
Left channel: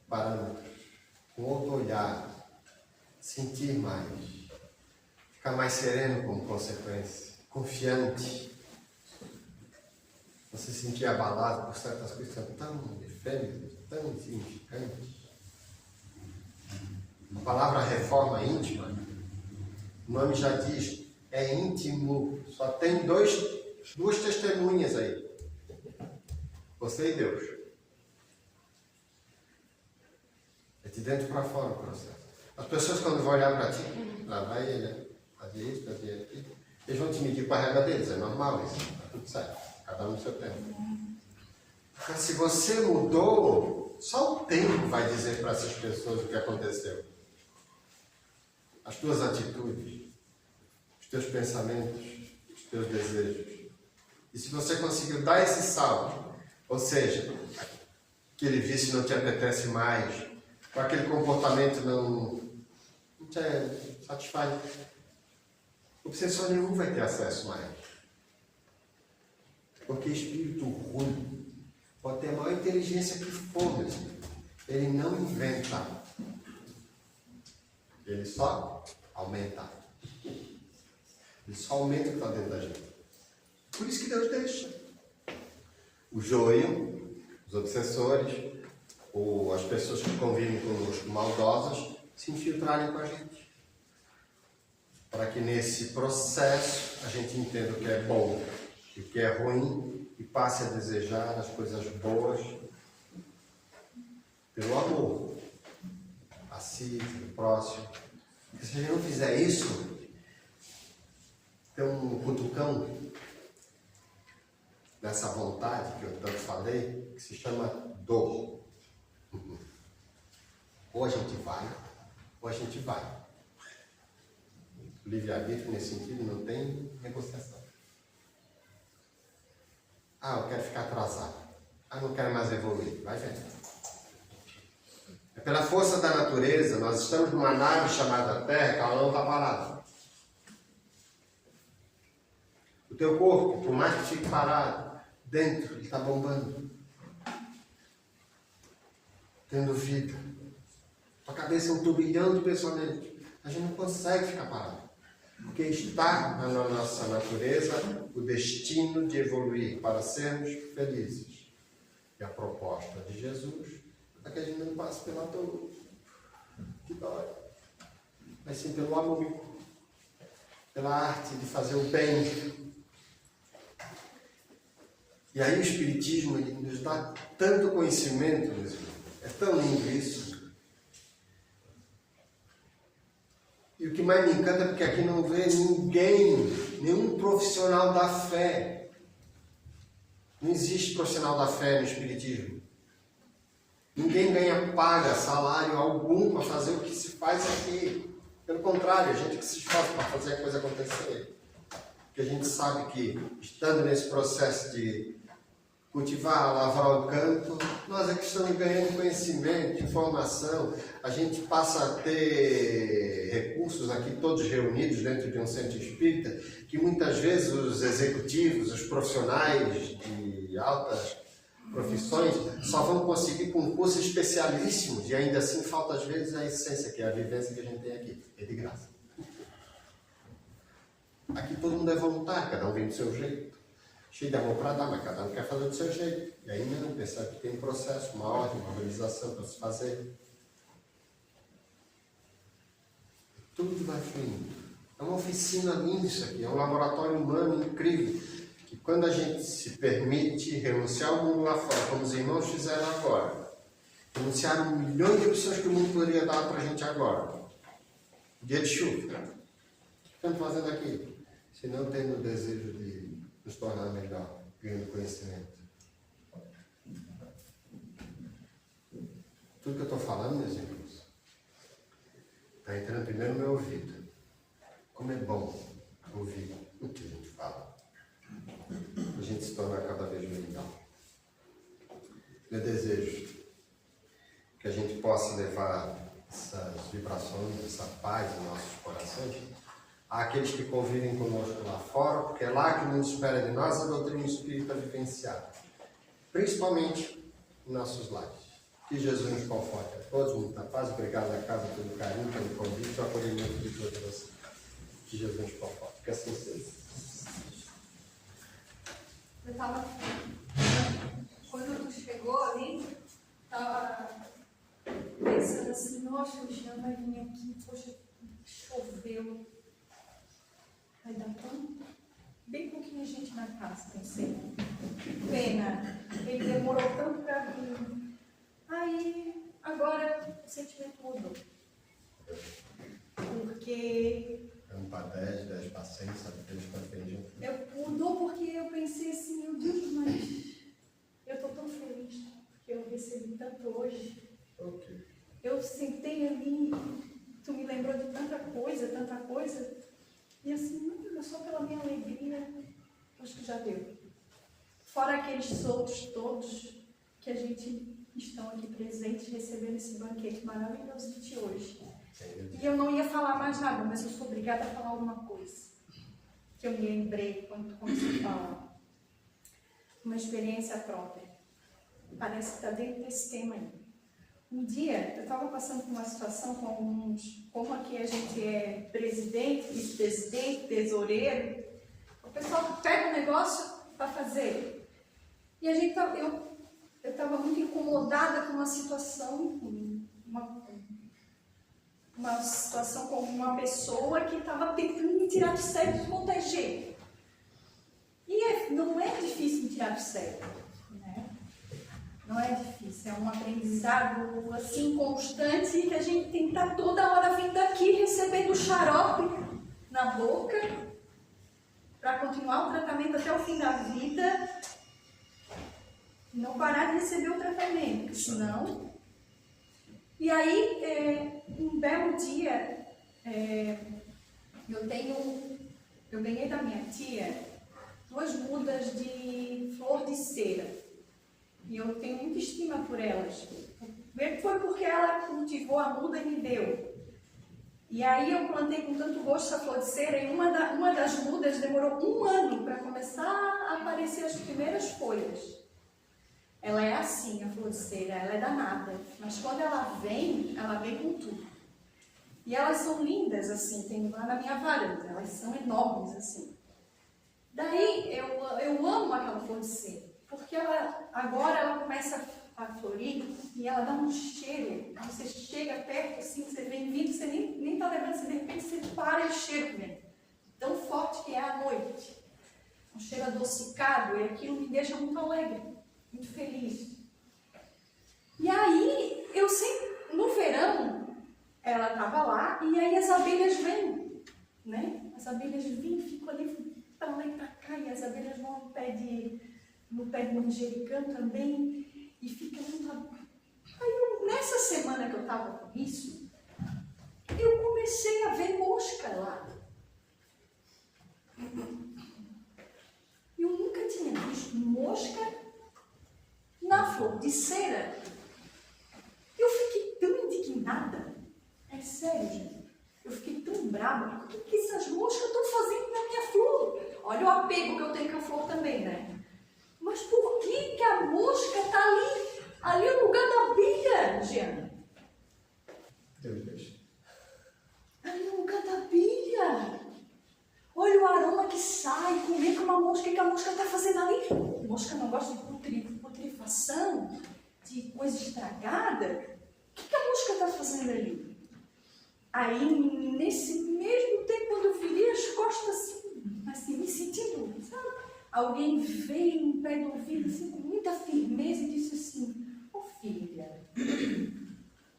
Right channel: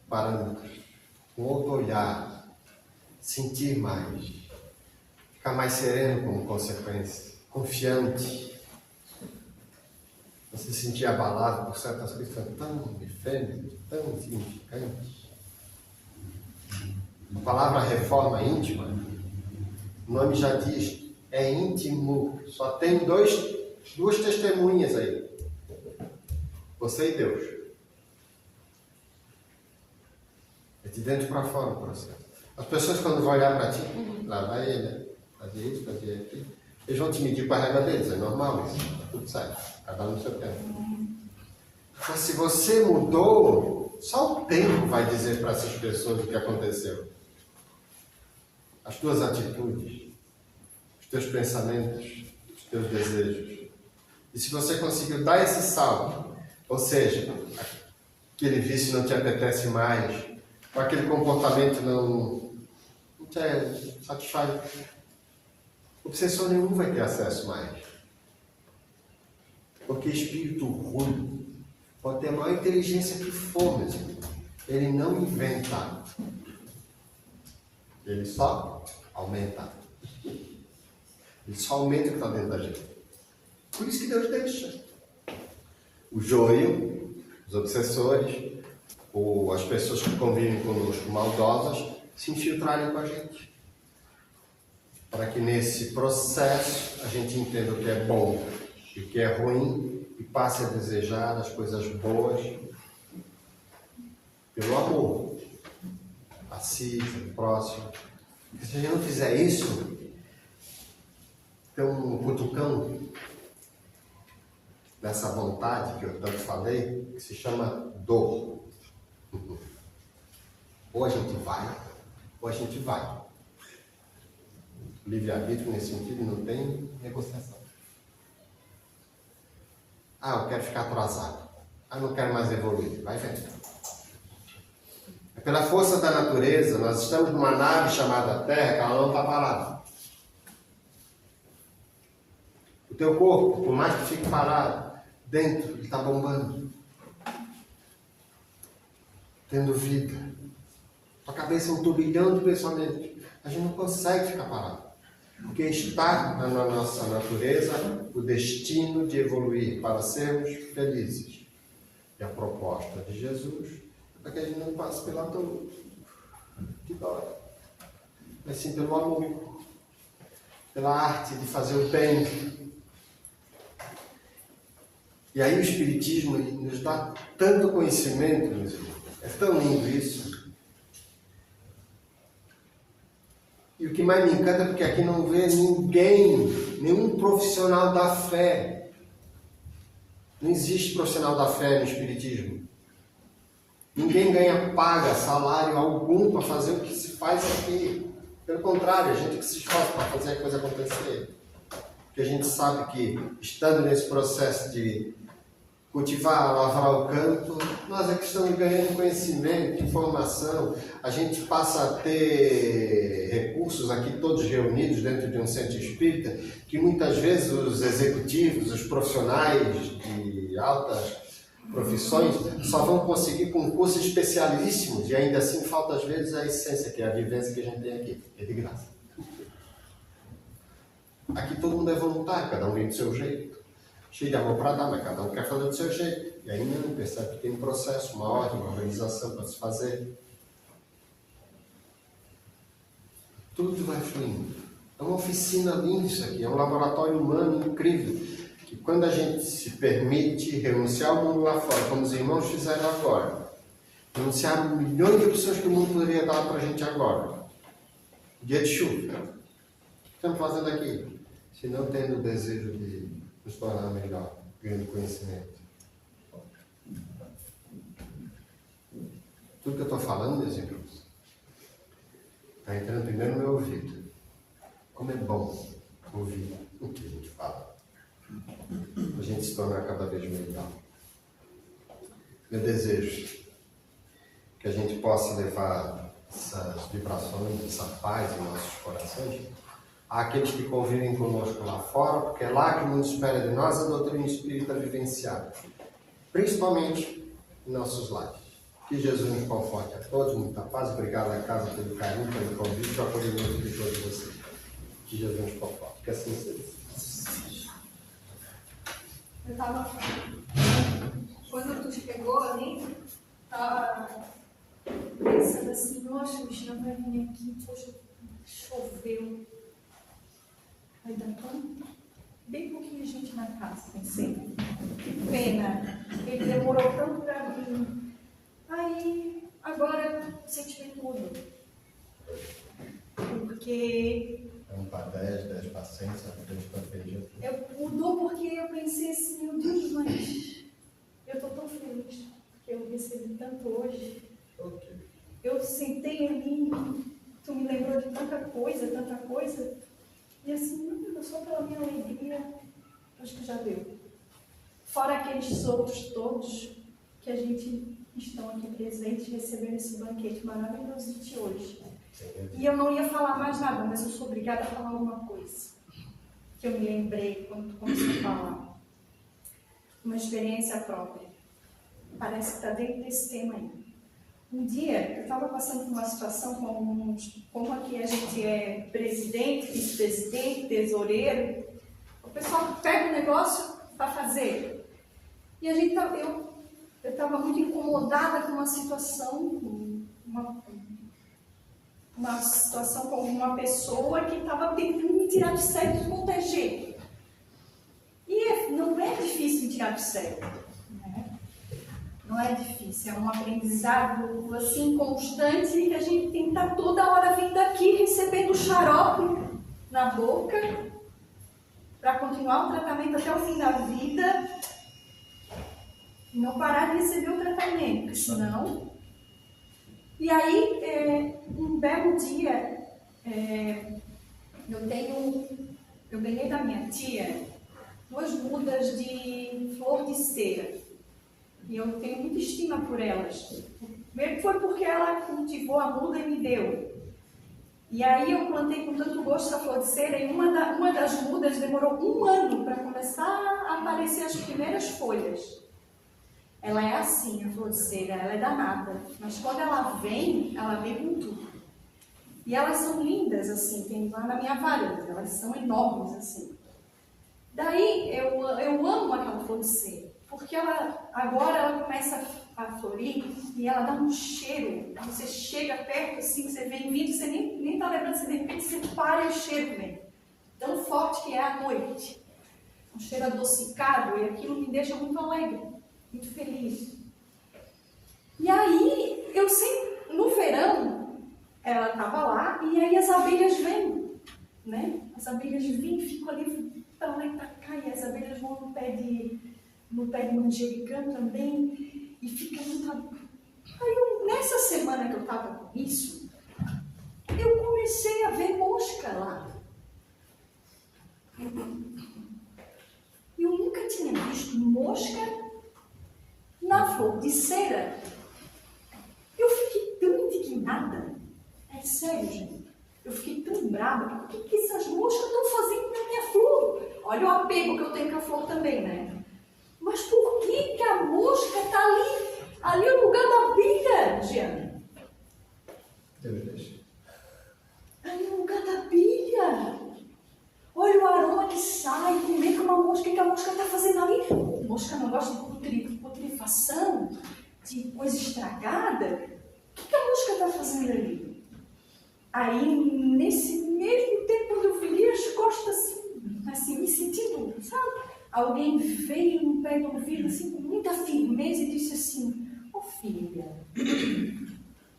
parâmetros, com outro olhar, sentir mais, ficar mais sereno como consequência, confiante. Você se sentir abalado por certas coisas tão efêmeras, tão insignificantes. A palavra reforma íntima, o nome já diz, é íntimo. Só tem duas testemunhas aí. Você e Deus. É de dentro para fora o processo. As pessoas quando vão olhar para ti, lá vai ele, fazer isso, fazer aquilo, eles vão te medir para a régua deles, é normal isso, tudo certo, cada um no seu tempo. Mas se você mudou, só o tempo vai dizer para essas pessoas o que aconteceu. As tuas atitudes, os teus pensamentos, os teus desejos. E se você conseguiu dar esse salto, ou seja, aquele vício não te apetece mais, ou aquele comportamento não te satisfaz, obsessor nenhum vai ter acesso mais. Porque espírito ruim pode ter a maior inteligência que for, mesmo. Ele não inventa. Ele só aumenta. Ele só aumenta o que está dentro da gente. Por isso que Deus deixa. O joio, os obsessores, ou as pessoas que convivem conosco maldosas, se infiltrarem com a gente. Para que nesse processo a gente entenda o que é bom e o que é ruim e passe a desejar as coisas boas pelo amor a si, pelo próximo. Porque se a gente não fizer isso, tem um cutucão nessa vontade que eu tanto falei, que se chama dor. Ou a gente vai, ou a gente vai. O livre-arbítrio, nesse sentido, não tem negociação. Ah, eu quero ficar atrasado. Ah, não quero mais evoluir. Vai ver. É pela força da natureza, nós estamos numa nave chamada Terra, que ela não está parada. O teu corpo, por mais que fique parado, dentro, ele está bombando. Tendo vida. Tua cabeça é um turbilhão de pensamentos. A gente não consegue ficar parado. Porque está na nossa natureza o destino de evoluir para sermos felizes. E a proposta de Jesus é para que a gente não passe pela dor, que dói, mas sim pelo amor, pela arte de fazer o bem. E aí o Espiritismo nos dá tanto conhecimento, meus irmãos. É tão lindo isso. E o que mais me encanta é porque aqui não vê ninguém, nenhum profissional da fé. Não existe profissional da fé no Espiritismo. Ninguém ganha paga, salário algum para fazer o que se faz aqui. Pelo contrário, a gente que se esforça para fazer a coisa acontecer. Porque a gente sabe que, estando nesse processo de cultivar, lavrar o campo, nós é que estamos ganhando conhecimento, informação. A gente passa a ter recursos aqui todos reunidos dentro de um centro espírita, que muitas vezes os executivos, os profissionais de altas profissões só vão conseguir com cursos especialíssimos, e ainda assim falta às vezes a essência, que é a vivência que a gente tem aqui, é de graça. Aqui todo mundo é voluntário, cada um vem do seu jeito. Cheio de amor para dar, mas cada um quer fazer do seu jeito. E aí não percebe que tem um processo, uma ordem, uma organização para se fazer. Tudo vai fluindo. É uma oficina linda isso aqui, é um laboratório humano incrível. Que quando a gente se permite renunciar ao mundo lá fora, como os irmãos fizeram agora, renunciaram milhões de opções que o mundo poderia dar para a gente agora. Dia de chuva. O que estamos fazendo aqui? Se não tendo o desejo de nos tornar melhor, ganhando conhecimento. Tudo que eu estou falando, meus irmãos, está entrando primeiro no meu ouvido. Como é bom ouvir o que a gente fala. A gente se tornar cada vez melhor. Meu desejo é que a gente possa levar essas vibrações, essa paz em nossos corações àqueles que convivem conosco lá fora, porque é lá que o mundo espera de nós a doutrina espírita vivenciada, principalmente em nossos lares. Que Jesus nos conforte a todos, muita paz, obrigado a casa pelo carinho, pelo convite, pelo acolhimento de todos vocês. Que Jesus nos conforte, que assim seja. Eu estava, quando tu chegou ali, estava pensando assim, nossa, o Jean vai vir assim, poxa, choveu. Vai dar tão bem pouquinha gente na casa, pensei. Que pena, ele demorou tanto para vir. Aí, agora, o sentimento mudou. Porque... É 1 para 10, 10 para 100, sabe? 10 para aquele dia. Mudou porque eu pensei assim, meu Deus, mas eu estou tão feliz que eu recebi tanto hoje. Ok. Eu sentei ali, tu me lembrou de tanta coisa, e assim, não, só pela minha alegria, acho que já deu. Fora aqueles outros todos que a gente estão aqui presentes, recebendo esse banquete maravilhoso de hoje. E eu não ia falar mais nada, mas eu sou obrigada a falar uma coisa que eu me lembrei quando tu começou a falar. Uma experiência própria. Parece que está dentro desse tema aí. Um dia, eu estava passando por uma situação como aqui a gente é presidente, vice-presidente, tesoureiro. O pessoal pega um negócio para fazer. E a gente eu estava muito incomodada com uma situação, uma situação com uma pessoa que estava tentando me tirar do sério de qualquer jeito. E não é difícil me tirar do sério, né? Não é difícil, é um aprendizado assim constante que a gente tem que estar toda hora vindo aqui recebendo xarope na boca para continuar o tratamento até o fim da vida e não parar de receber o tratamento, senão... E aí, um belo dia, eu ganhei da minha tia 2 mudas de flor de cera. E eu tenho muita estima por elas. Primeiro foi porque ela cultivou a muda e me deu. E aí eu plantei com tanto gosto essa flor de cera e uma das mudas demorou 1 ano para começar a aparecer as primeiras folhas. Ela é assim, a flor de cera, ela é danada. Mas quando ela vem com tudo. E elas são lindas, assim, tem lá na minha varanda, elas são enormes, assim. Daí, eu amo aquela flor de cera, porque agora ela começa a florir e ela dá um cheiro. Você chega perto, assim, você vem vindo, você nem está lembrando, você de repente você para e o cheiro vem. Tão forte que é à noite. Um cheiro adocicado, e aquilo me deixa muito alegre, muito feliz. E aí, no verão, ela estava lá, e aí as abelhas vêm, né? As abelhas vêm, ficam ali para lá e para cá, e as abelhas vão no pé de manjericão também, e fica muito... Aí, nessa semana que eu estava com isso, eu comecei a ver mosca lá. Eu nunca tinha visto mosca na flor de cera. Eu fiquei tão indignada. É sério, gente. Eu fiquei tão brava. O que essas moscas estão fazendo na minha flor? Olha o apego que eu tenho com a flor também, né? Mas por que a mosca está ali? Ali é o lugar da abelha, Giana. Deus deixa. Ali é o lugar da abelha. Olha o aroma que sai. Como é que uma mosca, que a mosca está fazendo ali? A mosca não gosta de putrefação, de coisa estragada. O que a mosca está fazendo ali? Aí, nesse mesmo tempo, quando eu virei as costas, assim, me sentindo, sabe? Alguém veio no pé do ouvido, assim, com muita firmeza e disse assim: "Ô filha,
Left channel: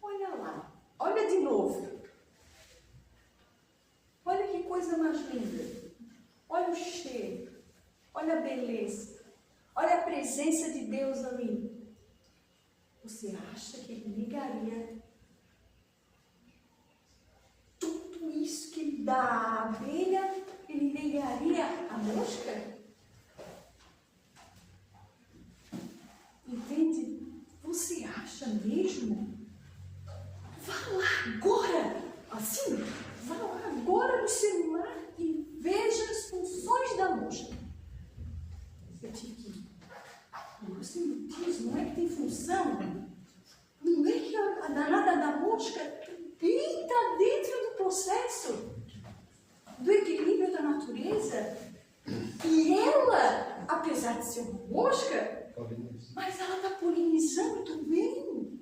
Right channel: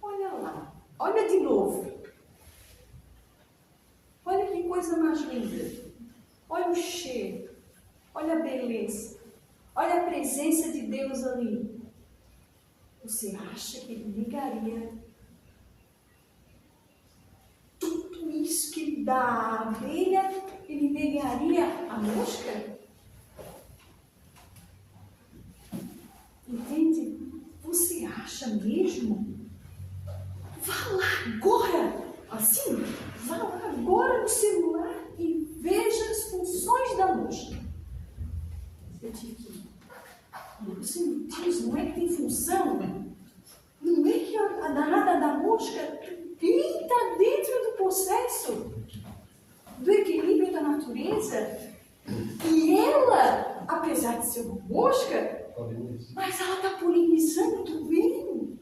olha lá, olha de novo. Olha que coisa mais linda. Olha o cheiro, olha a beleza, olha a presença de Deus ali. Você acha que ele ligaria tudo isso que ele dá à abelha, ele negaria a mosca?" Entende? Você acha mesmo? Vá lá agora, assim, vá lá agora no celular e veja as funções da mosca. Eu digo, você me diz, não é que tem função? Não é que a danada da mosca está dentro do processo do equilíbrio da natureza? E ela, apesar de ser uma mosca, mas ela está polinizando também.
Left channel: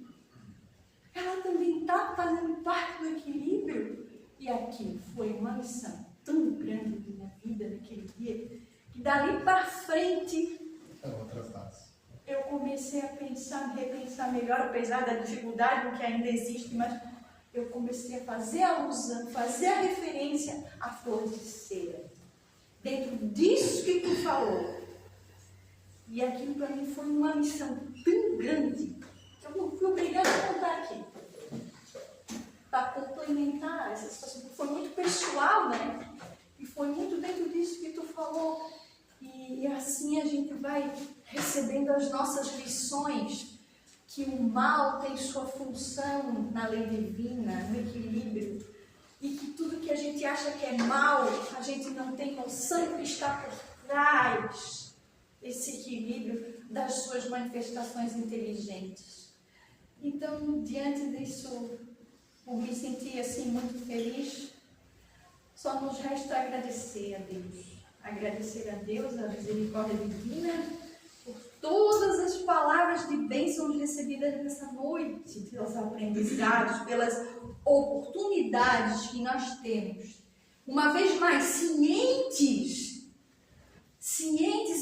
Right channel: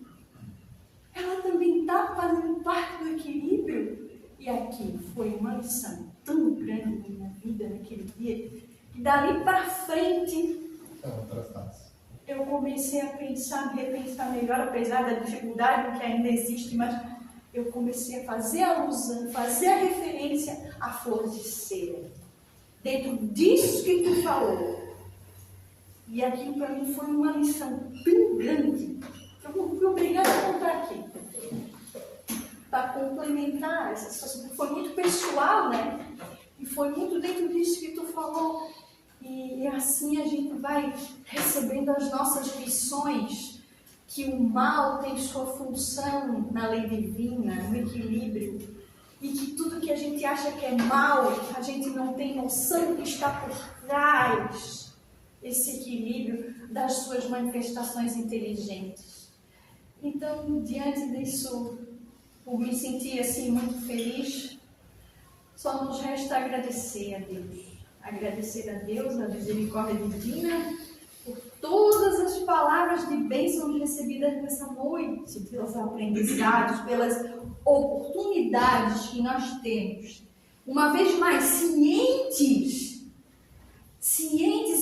Ela também está fazendo parte do equilíbrio. lição tão grande na minha vida naquele dia, que dali para frente outra face. eu comecei a pensar, repensar melhor, apesar da dificuldade que ainda existe, mas eu comecei a fazer alusão, fazer a referência à flor de cera. Dentro disso que tu falou. E aquilo para mim foi uma lição tão grande que eu fui obrigada a contar aqui. Para complementar essa situação, foi muito pessoal, né? E foi muito dentro disso que tu falou. E assim a gente vai recebendo as nossas lições, que o mal tem sua função na lei divina, no equilíbrio, e que tudo que a gente acha que é mal, a gente não tem noção que está por trás esse equilíbrio das suas manifestações inteligentes. Então, diante disso, por me sentir assim muito feliz, só nos resta agradecer a Deus. Agradecer a Deus, a misericórdia divina, por todas as palavras de bênção recebidas nessa noite, pelos aprendizados, pelas oportunidades que nós temos. Uma vez mais, cientes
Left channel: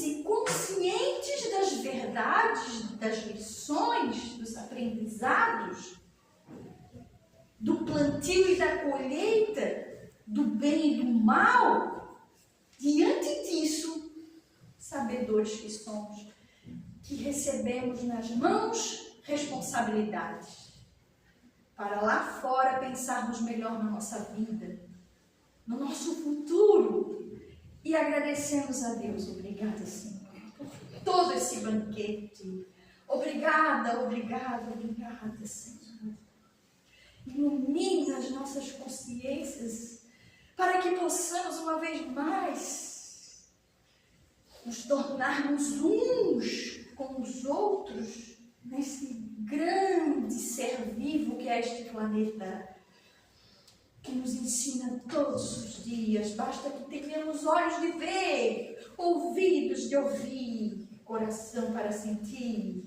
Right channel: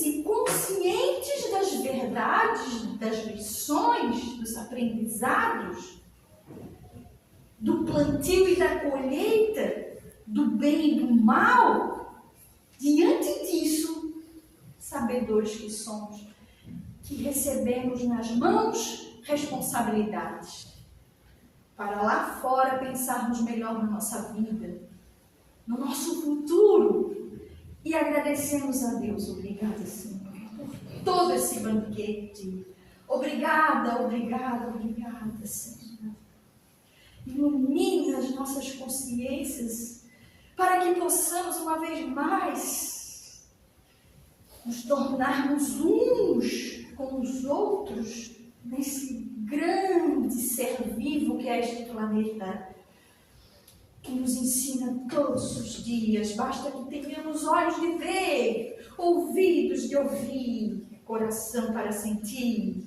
e conscientes das verdades, das lições, dos aprendizados, do plantio e da colheita, do bem e do mal. Diante disso, sabedores que somos, que recebemos nas mãos responsabilidades para lá fora pensarmos melhor na nossa vida, no nosso futuro, e agradecemos a Deus. Obrigada, Senhor, por todo esse banquete. Obrigada, obrigada, obrigada, Senhor. Ilumina as nossas consciências para que possamos uma vez mais nos tornarmos uns com os outros nesse grande ser vivo que é este planeta, que nos ensina todos os dias. Basta que tenhamos olhos de ver, ouvidos de ouvir, coração para sentir.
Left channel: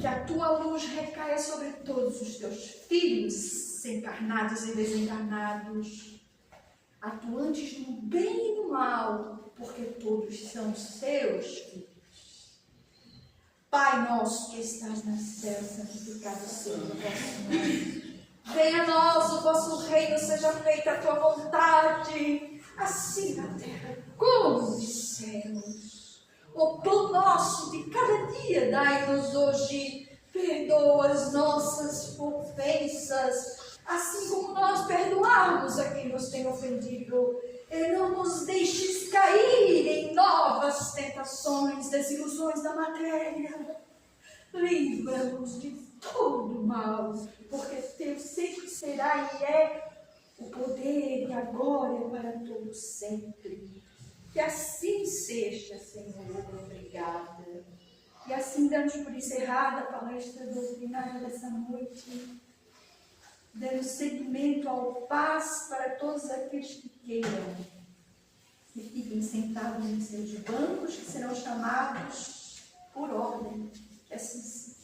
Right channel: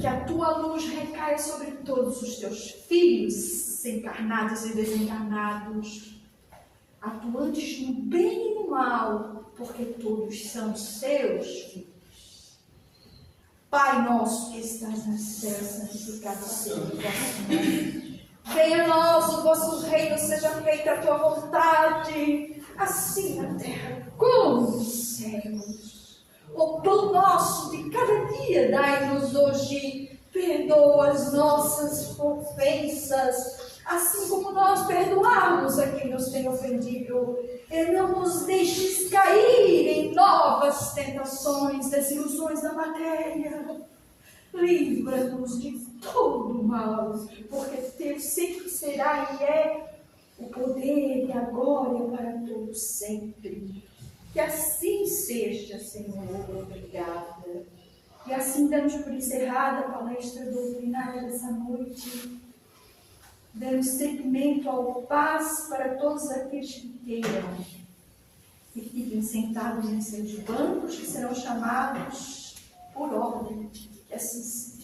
Que a tua luz recaia sobre todos os teus filhos, encarnados e desencarnados, atuantes no bem e no mal, porque todos são seus filhos. Pai nosso que estás no céu, santificado seja o vosso nome. Venha a nós o vosso reino, seja feita a tua vontade, assim na terra como nos céus. O pão nosso de cada dia dai-nos hoje, perdoa as nossas ofensas, assim como nós perdoamos a quem nos tem ofendido. E não nos deixes cair em novas tentações, desilusões da matéria. Livra-nos de todo mal, porque teu sempre será e é o poder e a glória para todos sempre. Que assim seja, Senhor. Obrigada. E assim damos por encerrada a palestra doutrinária dessa noite, dando seguimento ao paz para todos aqueles que queiram e fiquem sentados em seus bancos, que serão chamados por ordem, que assim seja.